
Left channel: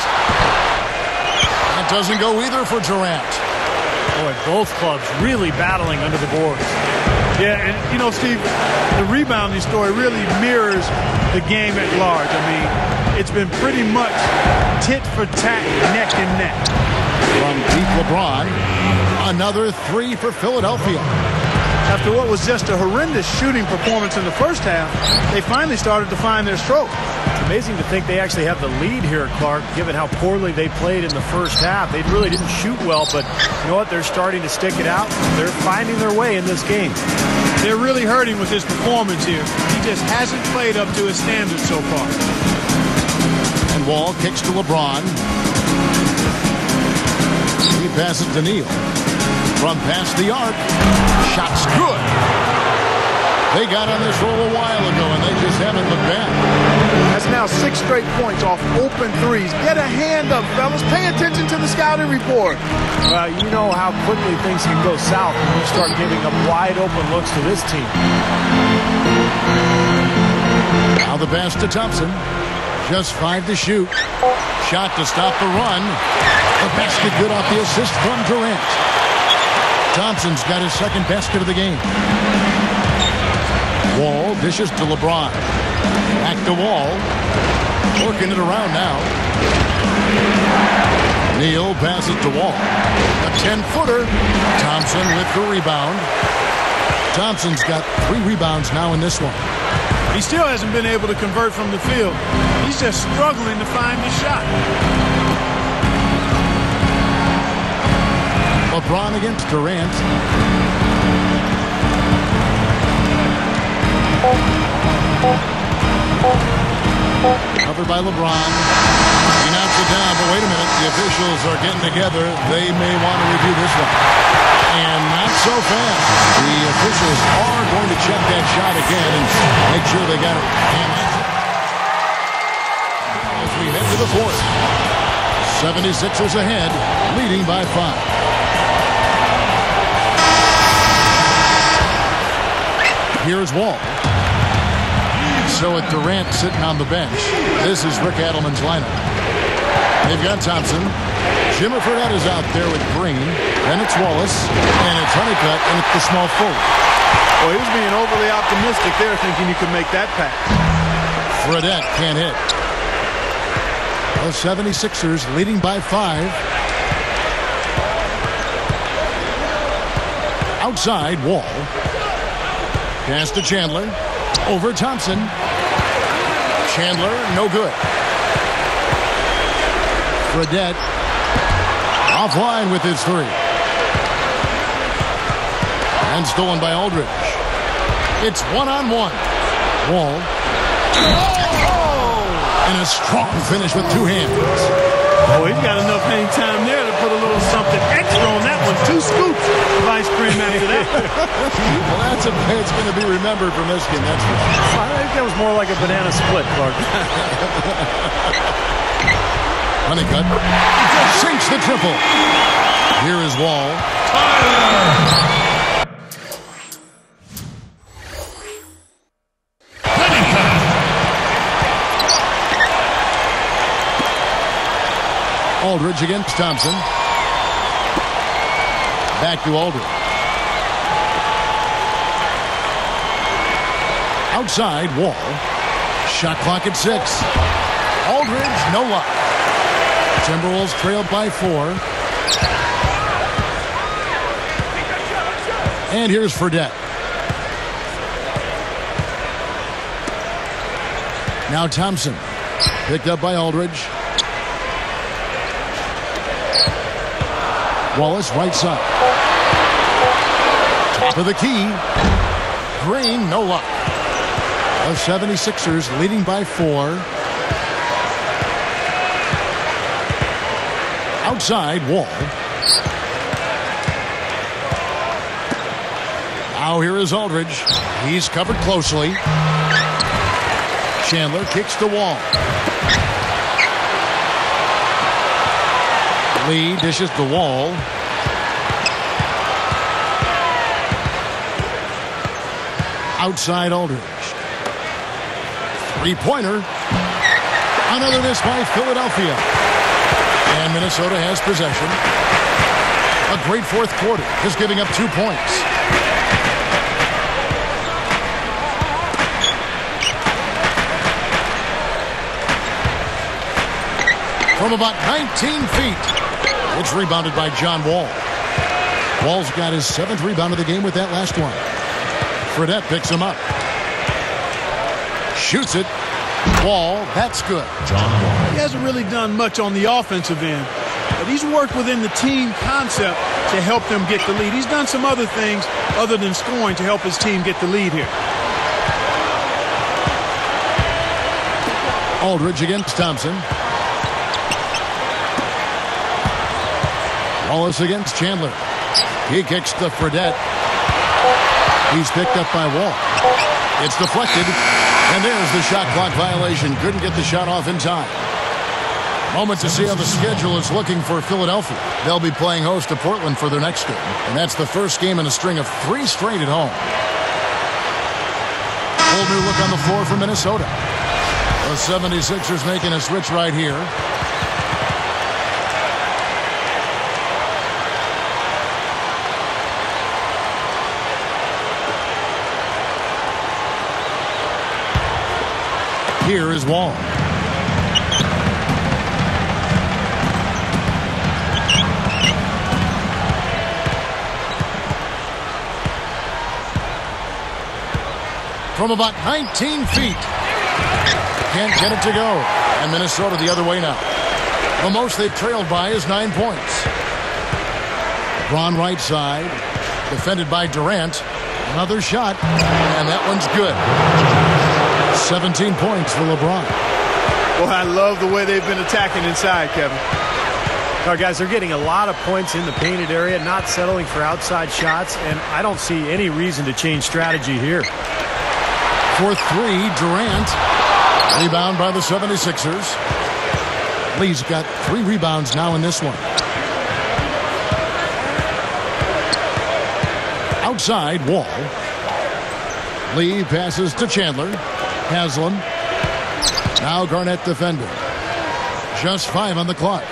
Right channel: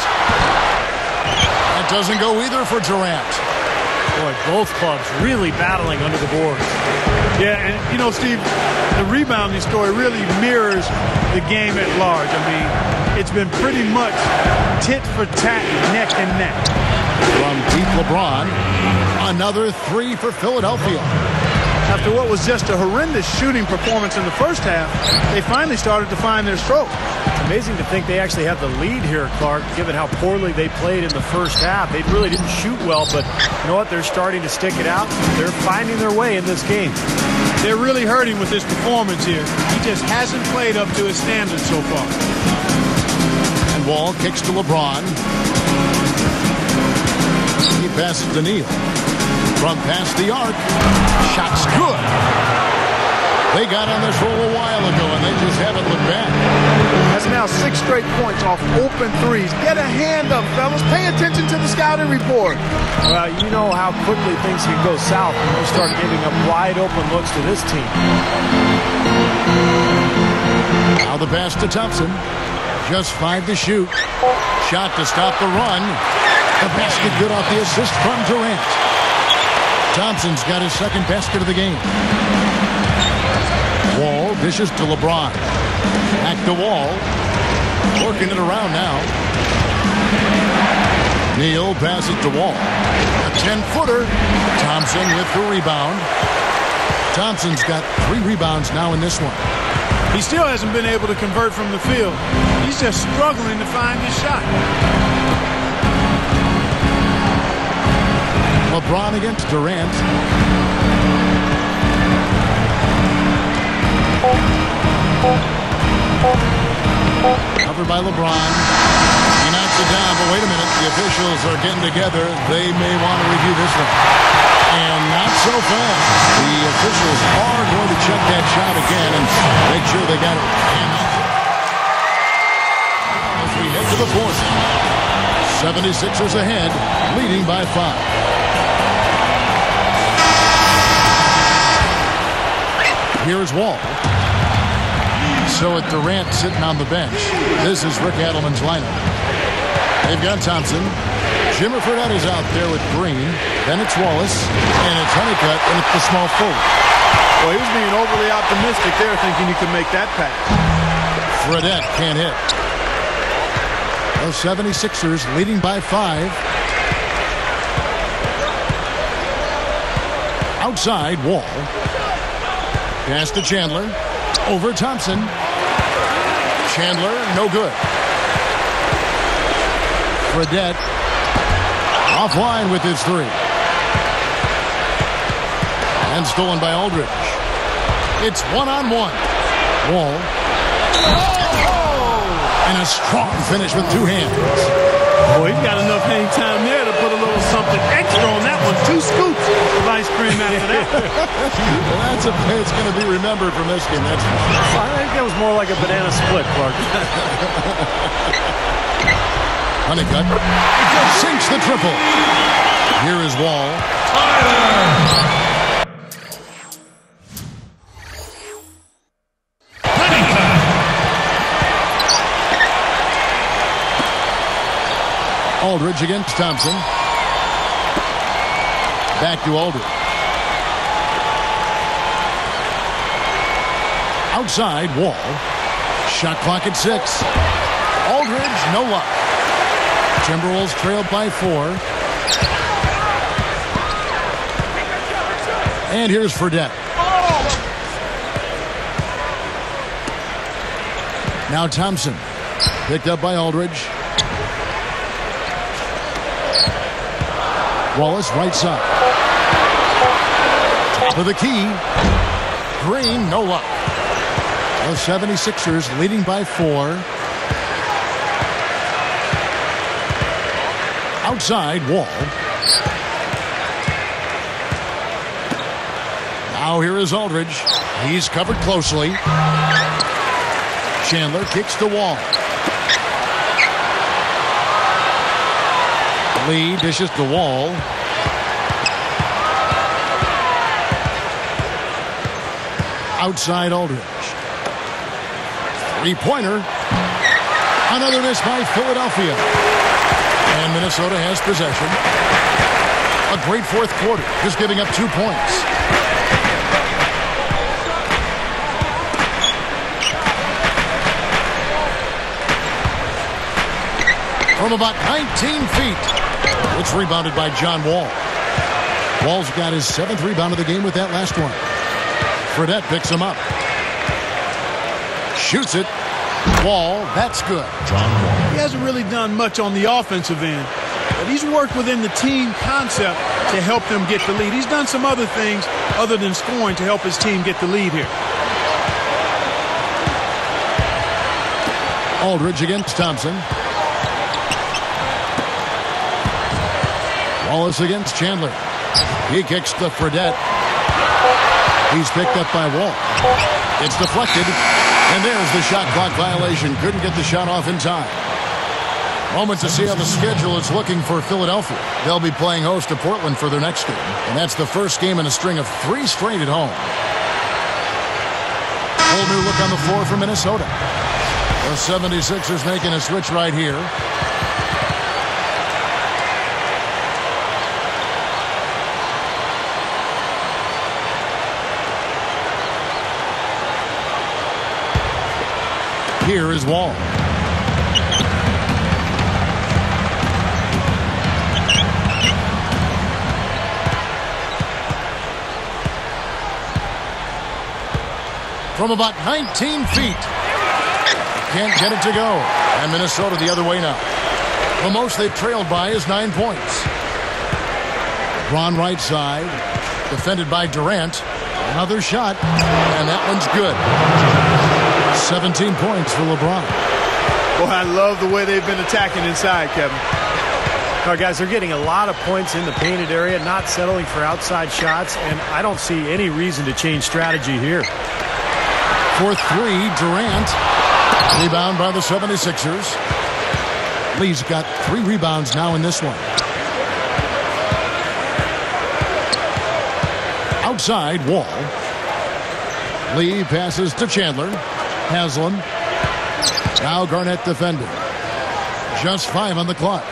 That doesn't go either for Durant. Boy, both clubs really battling under the boards. Yeah, and you know, Steve, the rebounding story really mirrors the game at large. I mean, it's been pretty much tit for tat, neck and neck. From deep LeBron, another three for Philadelphia. After what was just a horrendous shooting performance in the first half, they finally started to find their stroke. It's amazing to think they actually have the lead here, Clark, given how poorly they played in the first half. They really didn't shoot well, but you know what? They're starting to stick it out. They're finding their way in this game. They're really hurting with his performance here. He just hasn't played up to his standards so far. And Wall kicks to LeBron. He passes to Neal. From past the arc. Shot's good. They got on this roll a while ago, and they just haven't looked back. That's now 6 straight points off open threes. Get a hand up, fellas. Pay attention to the scouting report. Well, you know how quickly things can go south when you start giving up wide open looks to this team. Now the pass to Thompson. Just 5 to shoot. Shot to stop the run. The basket good off the assist from Durant. Thompson's got his second basket of the game. Wall dishes to LeBron. Back to Wall. Working it around now. Neal passes to Wall. A 10-footer. Thompson with the rebound. Thompson's got 3 rebounds now in this one. He still hasn't been able to convert from the field. He's just struggling to find his shot. LeBron against Durant. Covered by LeBron. He knocks it down, but wait a minute. The officials are getting together. They may want to review this one. And not so fast. The officials are going to check that shot again and make sure they got it. And that's it. Well, as we head to the fourth. 76ers ahead, leading by 5. Here's Wall. So with Durant sitting on the bench, this is Rick Adelman's lineup. They've got Thompson. Jimmer Fredette is out there with Green. Then it's Wallace. And it's Honeycutt, and it's the small forward. Well, he was being overly optimistic there, thinking he could make that pass. Fredette can't hit. The 76ers leading by 5. Outside, Wall. Pass to Chandler. Over Thompson. Chandler, no good. Fredette offline with his 3. And stolen by Aldridge. It's 1-on-1. Wall. Oh! And a strong finish with 2 hands. Oh, he's got enough hang time there to put a little something extra on that one. 2 scoops of ice cream after that. Well, that's a play that's going to be remembered from this game, that's for sure. I think that was more like a banana split, Clark. Honeycutt sinks the triple. Here is Wall. Aldridge against Thompson. Back to Aldridge. Outside, Wall. Shot clock at 6. Aldridge, no luck. Timberwolves trailed by 4. And here's Fredette. Now Thompson. Picked up by Aldridge. Wallace, right side. Top of the key. Green, no luck. The 76ers leading by 4. Outside, Wall. Now here is Aldridge. He's covered closely. Chandler kicks to Wall. Lee dishes to Wall. Outside Aldridge. Three-pointer. Another miss by Philadelphia. And Minnesota has possession. A great fourth quarter, just giving up 2 points. From about 19 feet, it's rebounded by John Wall. Wall's got his 7th rebound of the game with that last one. Fredette picks him up. Shoots it. Wall, that's good. He hasn't really done much on the offensive end, but he's worked within the team concept to help them get the lead. He's done some other things other than scoring to help his team get the lead here. Aldridge against Thompson. Wallace against Chandler. He kicks to Fredette. He's picked up by Wall. It's deflected. And there's the shot clock violation. Couldn't get the shot off in time. Moment to see how the schedule is looking for Philadelphia. They'll be playing host to Portland for their next game. And that's the first game in a string of 3 straight at home. Whole new look on the floor for Minnesota. The 76ers making a switch right here. Here is Wall. From about 19 feet. Can't get it to go. And Minnesota the other way now. The most they've trailed by is 9 points. LeBron right side. Defended by Durant. Another shot. And that one's good. 17 points for LeBron. Boy, I love the way they've been attacking inside, Kevin. All right, guys, they're getting a lot of points in the painted area, not settling for outside shots, and I don't see any reason to change strategy here. For 3, Durant. Rebound by the 76ers. Lee's got 3 rebounds now in this one. Outside, Wall. Lee passes to Chandler. Haslam. Now Garnett defending. Just 5 on the clock.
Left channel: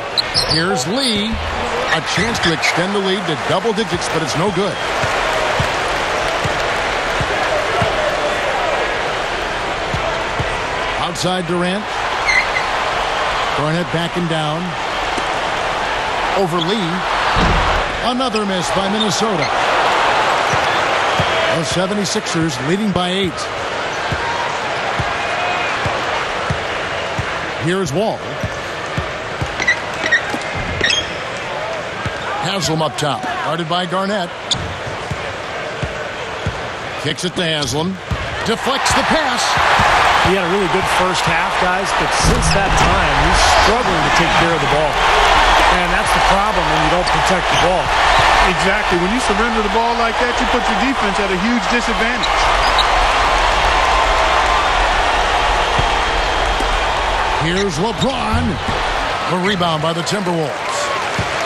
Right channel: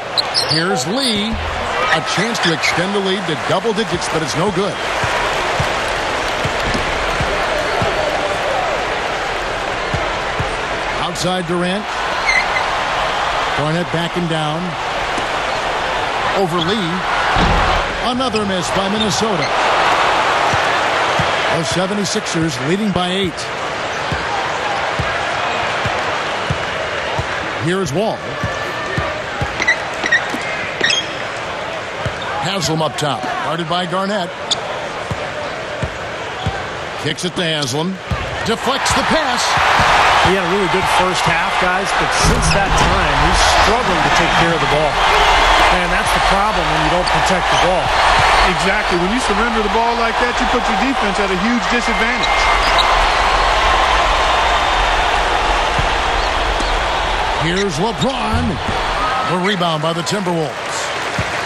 Here's Lee. A chance to extend the lead to double digits, but it's no good. Outside Durant. Garnett backing down. Over Lee. Another miss by Minnesota. The 76ers leading by 8. Here's Wall. Haslam up top. Guarded by Garnett. Kicks it to Haslam. Deflects the pass. He had a really good first half, guys, but since that time, he's struggling to take care of the ball. And that's the problem when you don't protect the ball. Exactly. When you surrender the ball like that, you put your defense at a huge disadvantage. Here's LeBron. The rebound by the Timberwolves.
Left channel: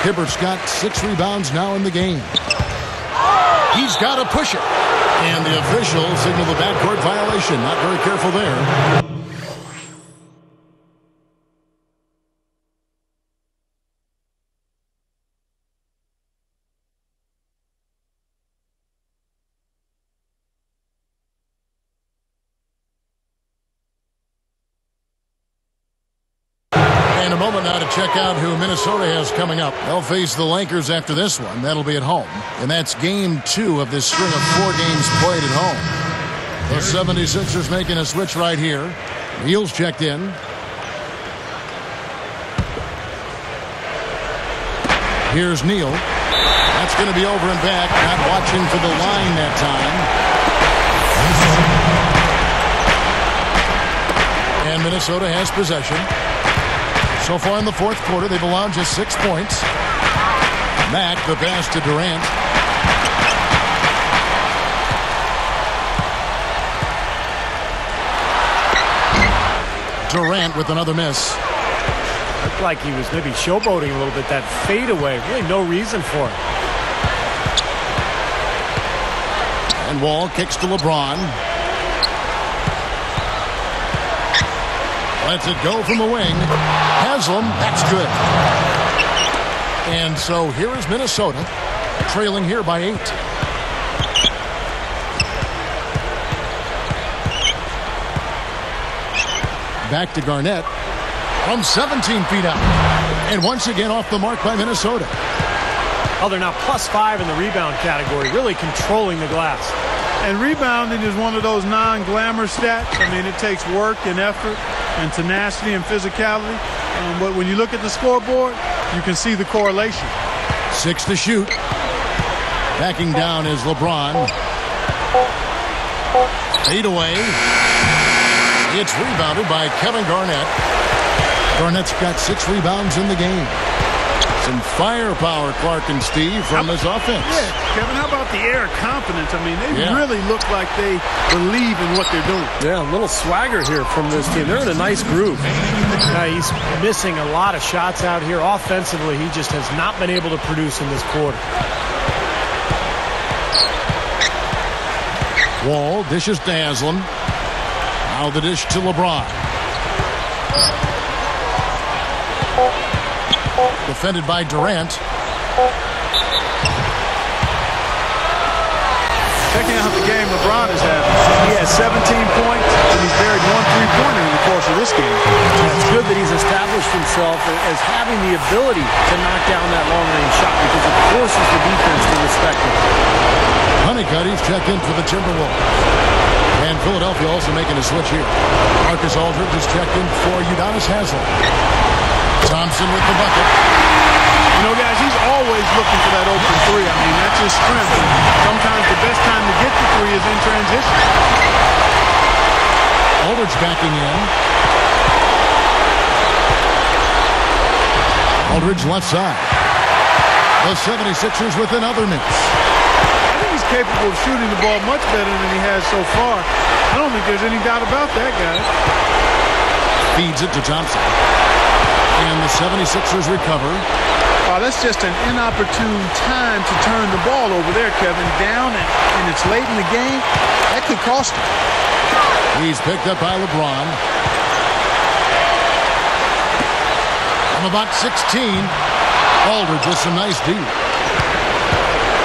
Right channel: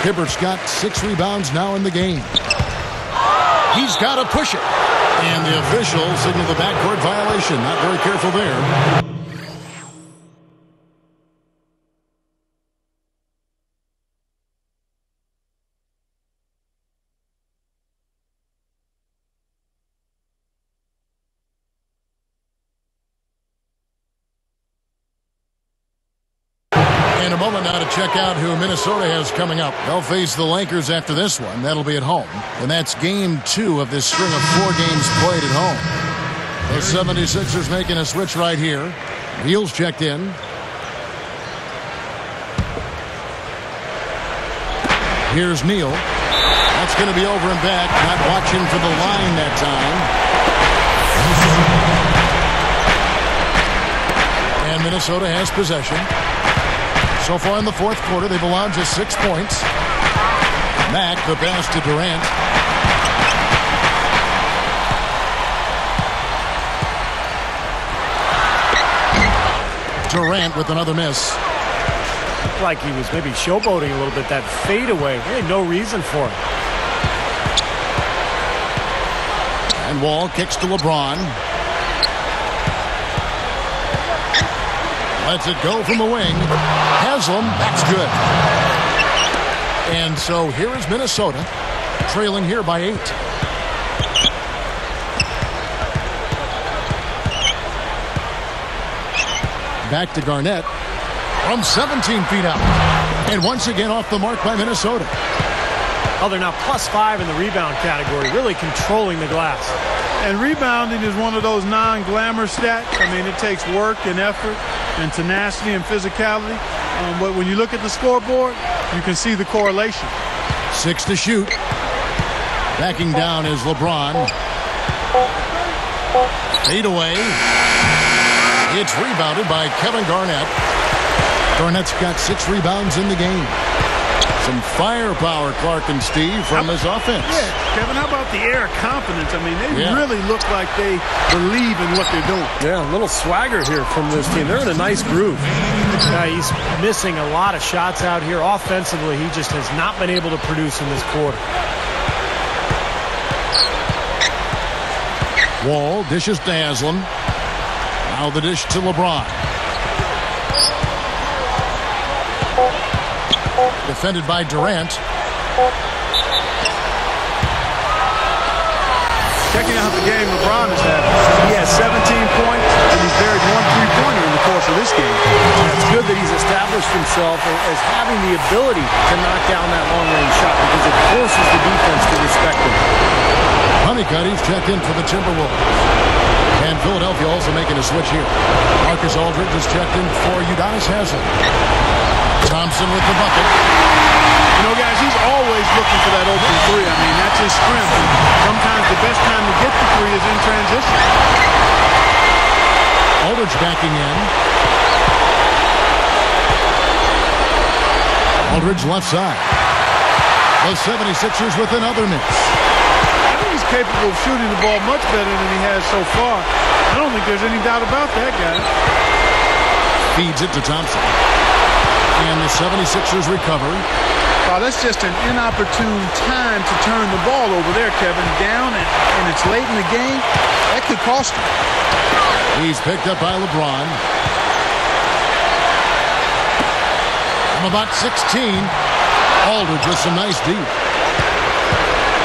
Hibbert's got 6 rebounds now in the game. He's got to push it. And the officials signal the backcourt violation. Not very careful there. And a moment now to check out who Minnesota has coming up. They'll face the Lakers after this one. That'll be at home. And that's game 2 of this string of 4 games played at home. The 76ers making a switch right here. Neal's checked in. Here's Neal. That's going to be over and back. Not watching for the line that time. And Minnesota has possession. So far in the fourth quarter, they've allowed just 6 points. Mack, the pass to Durant. Durant with another miss. Looked like he was maybe showboating a little bit. That fadeaway, really no reason for it. And Wall kicks to LeBron. Lets it go from the wing. Haslam, that's good. And so here is Minnesota, trailing here by 8. Back to Garnett from 17 feet out. And once again off the mark by Minnesota. Oh, they're now +5 in the rebound category, really controlling the glass. And rebounding is one of those non-glamour stats. I mean, it takes work and effort and tenacity and physicality. But when you look at the scoreboard, you can see the correlation. 6 to shoot. Backing down is LeBron. Fade away. It's rebounded by Kevin Garnett. Garnett's got 6 rebounds in the game. Some firepower, Clark and Steve, from his offense. Yeah, Kevin, how about the air of confidence? I mean, they really look like they believe in what they're doing. Yeah, a little swagger here from this team. They're in a nice groove. He's missing a lot of shots out here. Offensively, he just has not been able to produce in this quarter. Wall dishes to Haslam. Now the dish to LeBron. Defended by Durant. Checking out the game LeBron is having. He has 17 points, and he's buried 1 3-pointer in the course of this game. Yeah, it's good that he's established himself as having the ability to knock down that long-range shot because it forces the defense to respect him. Honeycutt, checked in for the Timberwolves. And Philadelphia also making a switch here. Marcus Aldridge is checked in for Udonis Haslem. Thompson with the bucket. You know, guys, he's always looking for that open 3. I mean, that's his strength. And sometimes the best time to get the 3 is in transition. Aldridge backing in. Aldridge left side. The 76ers with another miss. I think he's capable of shooting the ball much better than he has so far. I don't think there's any doubt about that, guys. Feeds it to Thompson. And the 76ers recover. Oh, that's just an inopportune time to turn the ball over there, Kevin. Down, and it's late in the game. That could cost him. He's picked up by LeBron. From about 16, Aldridge with some nice D.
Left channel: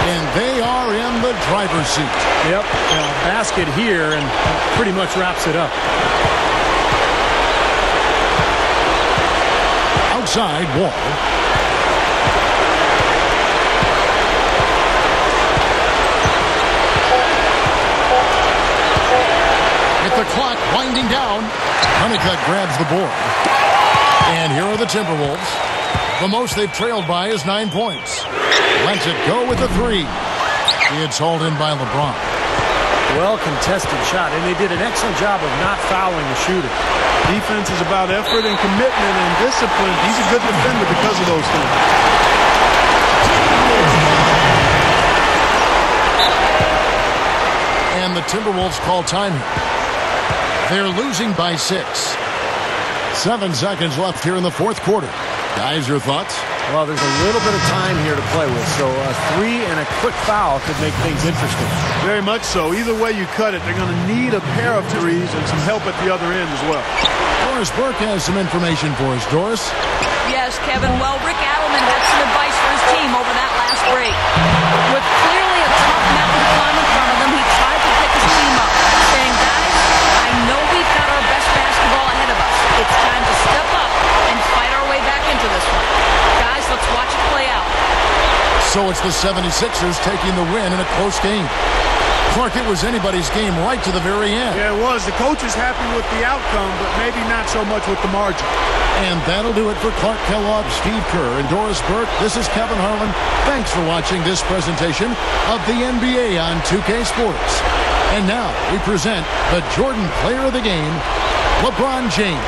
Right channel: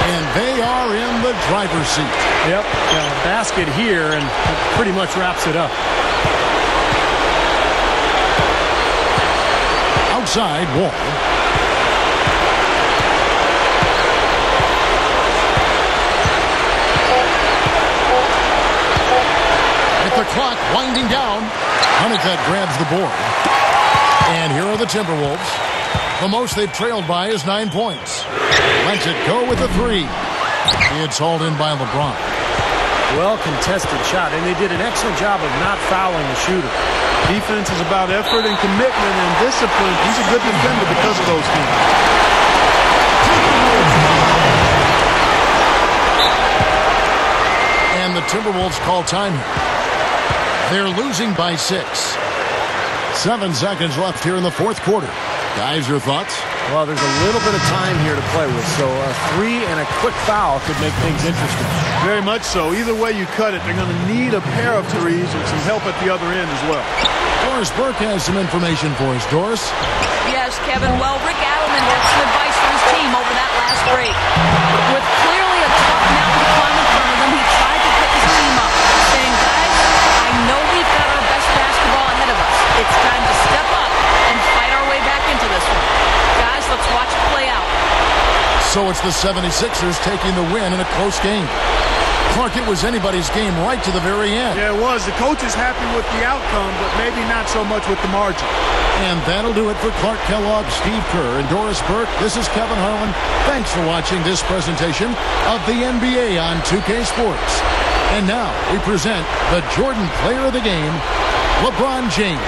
And they are in the driver's seat. Yep, basket here, and that pretty much wraps it up. Outside, Wall. With the clock winding down, Honeycutt grabs the board. And here are the Timberwolves. The most they've trailed by is 9 points. Lets it go with a 3. It's hauled in by LeBron. Well contested shot, and they did an excellent job of not fouling the shooter. Defense is about effort and commitment and discipline. He's a good defender because of those things. And the Timberwolves call time here. They're losing by 6. 7 seconds left here in the fourth quarter. Guys, your thoughts? Well, there's a little bit of time here to play with, so a 3 and a quick foul could make things interesting. Very much so. Either way you cut it, they're going to need a pair of 3s and some help at the other end as well. Doris Burke has some information for us. Doris? Yes, Kevin. Well, Rick Adelman had some advice for his team over that last break. With clearly a tough mountain to climb in front of them, he tried to pick his team up, saying, guys, I know we've got our best basketball ahead of us. It's time to step up and fight our way back into this one. Guys, let's watch it play out. So it's the 76ers taking the win in a close game. Clark, it was anybody's game right to the very end. Yeah, it was. The coach is happy with the outcome, but maybe not so much with the margin. And that'll do it for Clark Kellogg, Steve Kerr, and Doris Burke. This is Kevin Harlan. Thanks for watching this presentation of the NBA on 2K Sports. And now we present the Jordan Player of the Game, LeBron James.